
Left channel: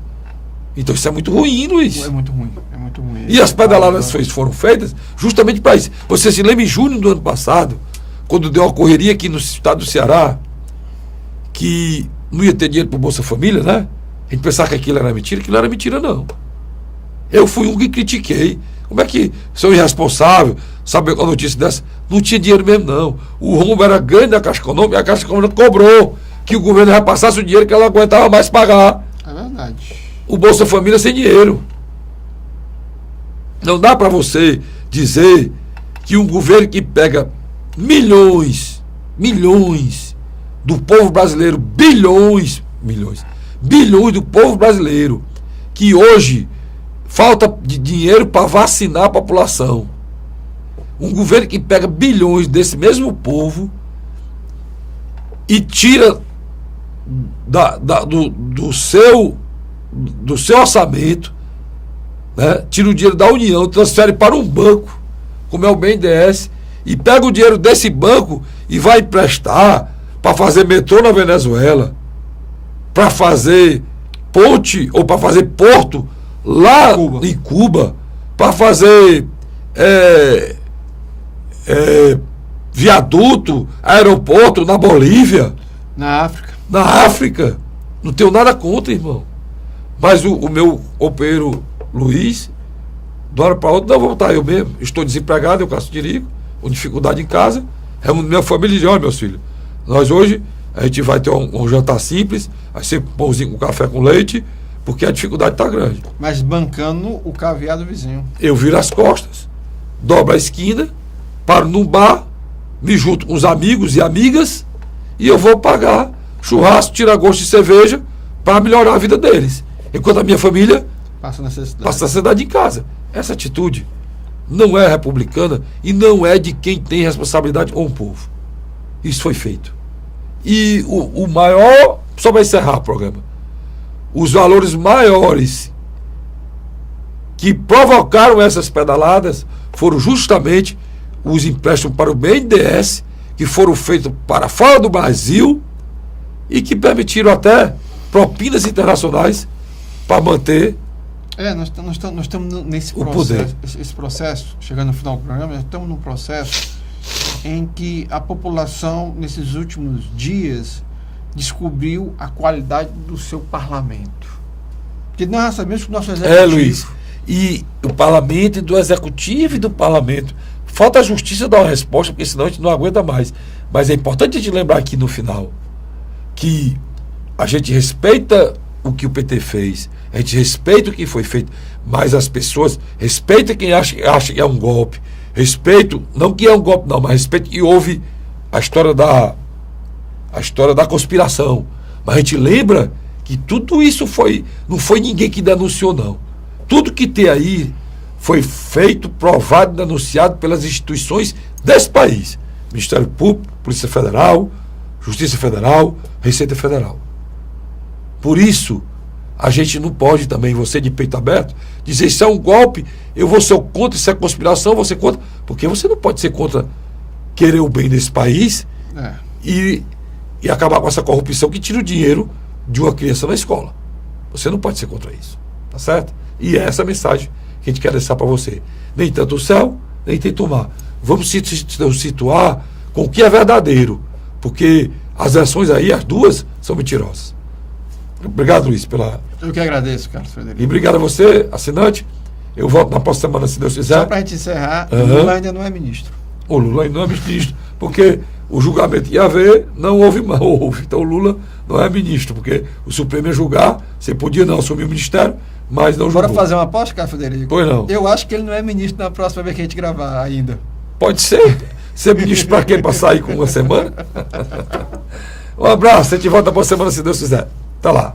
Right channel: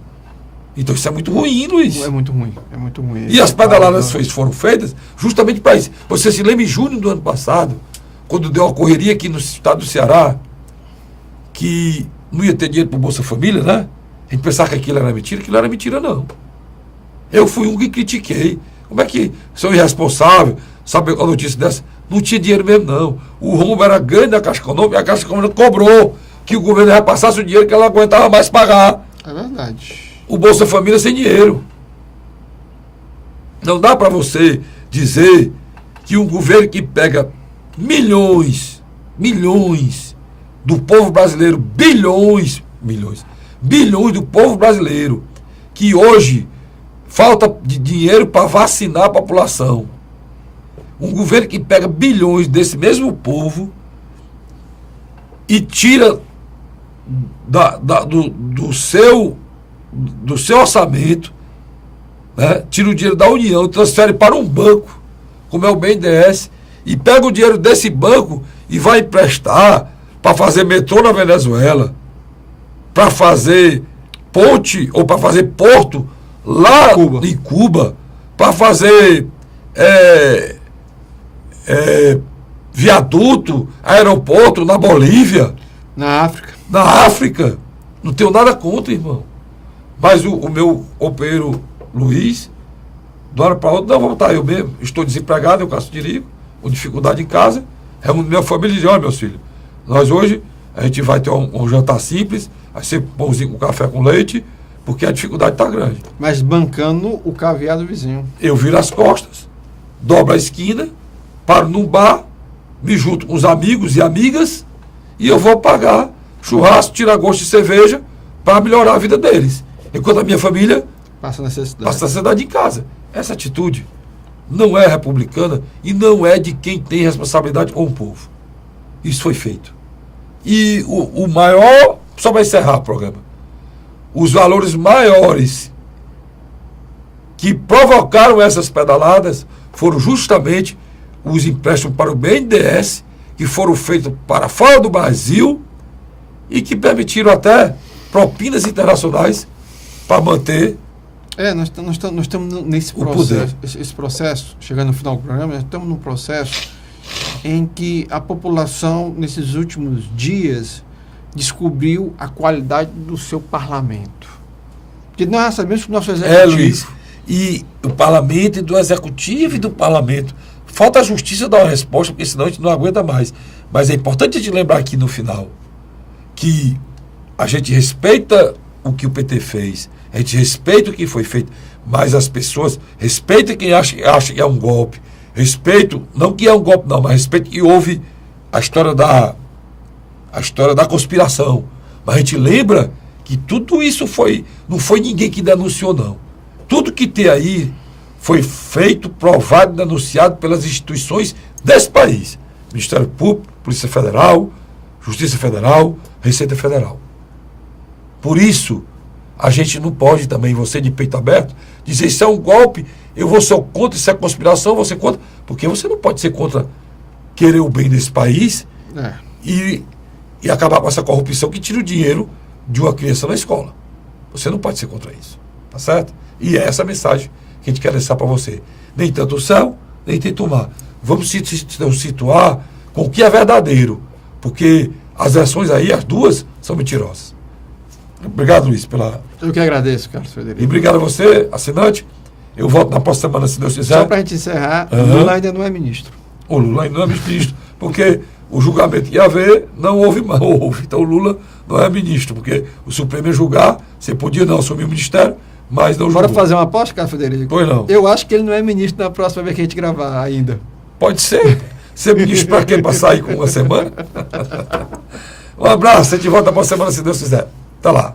Então isso é muito ruim, Luiz. É muito ruim, é muito ruim. E as pedaladas foram feitas justamente para isso. Você se lembra em junho do ano passado, quando deu uma correria aqui no estado do Ceará, que não ia ter dinheiro para o Bolsa Família, né? A gente pensava que aquilo era mentira não. Eu fui um que critiquei. Como é que são irresponsáveis, sabe a notícia dessa? Não tinha dinheiro mesmo, não. O rombo era grande da Caixa Econômica e a Caixa Econômica cobrou que o governo repassasse o dinheiro que ela não aguentava mais pagar. É verdade. O Bolsa Família sem dinheiro. Não dá para você dizer que um governo que pega milhões do povo brasileiro, bilhões do povo brasileiro, que hoje falta de dinheiro para vacinar a população. Um governo que pega bilhões desse mesmo povo e tira do seu orçamento, né? Tira o dinheiro da União, transfere para um banco, como é o BNDES, e pega o dinheiro desse banco e vai emprestar para fazer metrô na Venezuela, para fazer ponte ou para fazer porto lá em Cuba, para fazer viaduto, aeroporto na Bolívia, na África. Não tenho nada contra, irmão. Mas o meu companheiro Luiz, de uma hora para outra, não vou voltar eu mesmo. Estou desempregado, eu caço dirigo, com dificuldade em casa. Minha família diz: olha, meus filhos, nós hoje a gente vai ter um jantar simples, vai ser pãozinho com café com leite, porque a dificuldade está grande. Mas bancando o caviar do vizinho. Eu viro as costas, dobro a esquina, paro num bar, me junto com os amigos e amigas e eu vou pagar churrasco, tira-gosto de cerveja para melhorar a vida deles. Enquanto a minha família passa necessidade em casa. Essa atitude não é republicana e não é de quem tem responsabilidade com o povo. Isso foi feito. E o maior, só para encerrar o programa, os valores maiores que provocaram essas pedaladas foram justamente os empréstimos para o BNDES, que foram feitos para fora do Brasil e que permitiram até propinas internacionais para manter nós estamos nesse processo, esse processo, chegando no final do programa, nós estamos num processo em que a população, nesses últimos dias, descobriu a qualidade do seu parlamento. Porque nós sabemos que o nosso executivo... Luiz, e o parlamento e do executivo e do parlamento. Falta a justiça dar uma resposta, porque senão a gente não aguenta mais. Mas é importante a gente lembrar aqui no final que a gente respeita o que o PT fez, a gente respeita o que foi feito, mas as pessoas respeitam quem acha que é um golpe. Respeito, não que é um golpe não, mas respeito que houve a história da conspiração. Mas a gente lembra que tudo isso não foi ninguém que denunciou, não. Tudo que tem aí foi feito, provado, denunciado pelas instituições desse país. Ministério Público, Polícia Federal, Justiça Federal, Receita Federal. Por isso, a gente não pode também, você de peito aberto, dizer isso é um golpe, eu vou ser contra, isso é conspiração, eu vou ser contra. Porque você não pode ser contra querer o bem desse país e acabar com essa corrupção que tira o dinheiro de uma criança na escola. Você não pode ser contra isso. Tá certo? E é essa a mensagem que a gente quer deixar para você. Nem tanto o céu, nem tanto o mar. Vamos se situar com o que é verdadeiro. Porque as versões aí, as duas, são mentirosas. Obrigado, Luiz, pela... Eu que agradeço, Carlos Frederico. E obrigado a você, assinante. Eu volto na próxima semana, se Deus quiser. Só para a gente encerrar, Lula ainda não é ministro. O Lula ainda não é ministro, porque o julgamento que ia haver não houve. Então o Lula não é ministro, porque o Supremo ia julgar, você podia não assumir o ministério, mas não julgou. Bora fazer uma aposta, Carlos Frederico? Pois não. Eu acho que ele não é ministro na próxima vez que a gente gravar ainda. Pode ser. Ser ministro para quem? Para sair com uma semana? Um abraço, a gente volta para a semana, se Deus quiser. Até lá.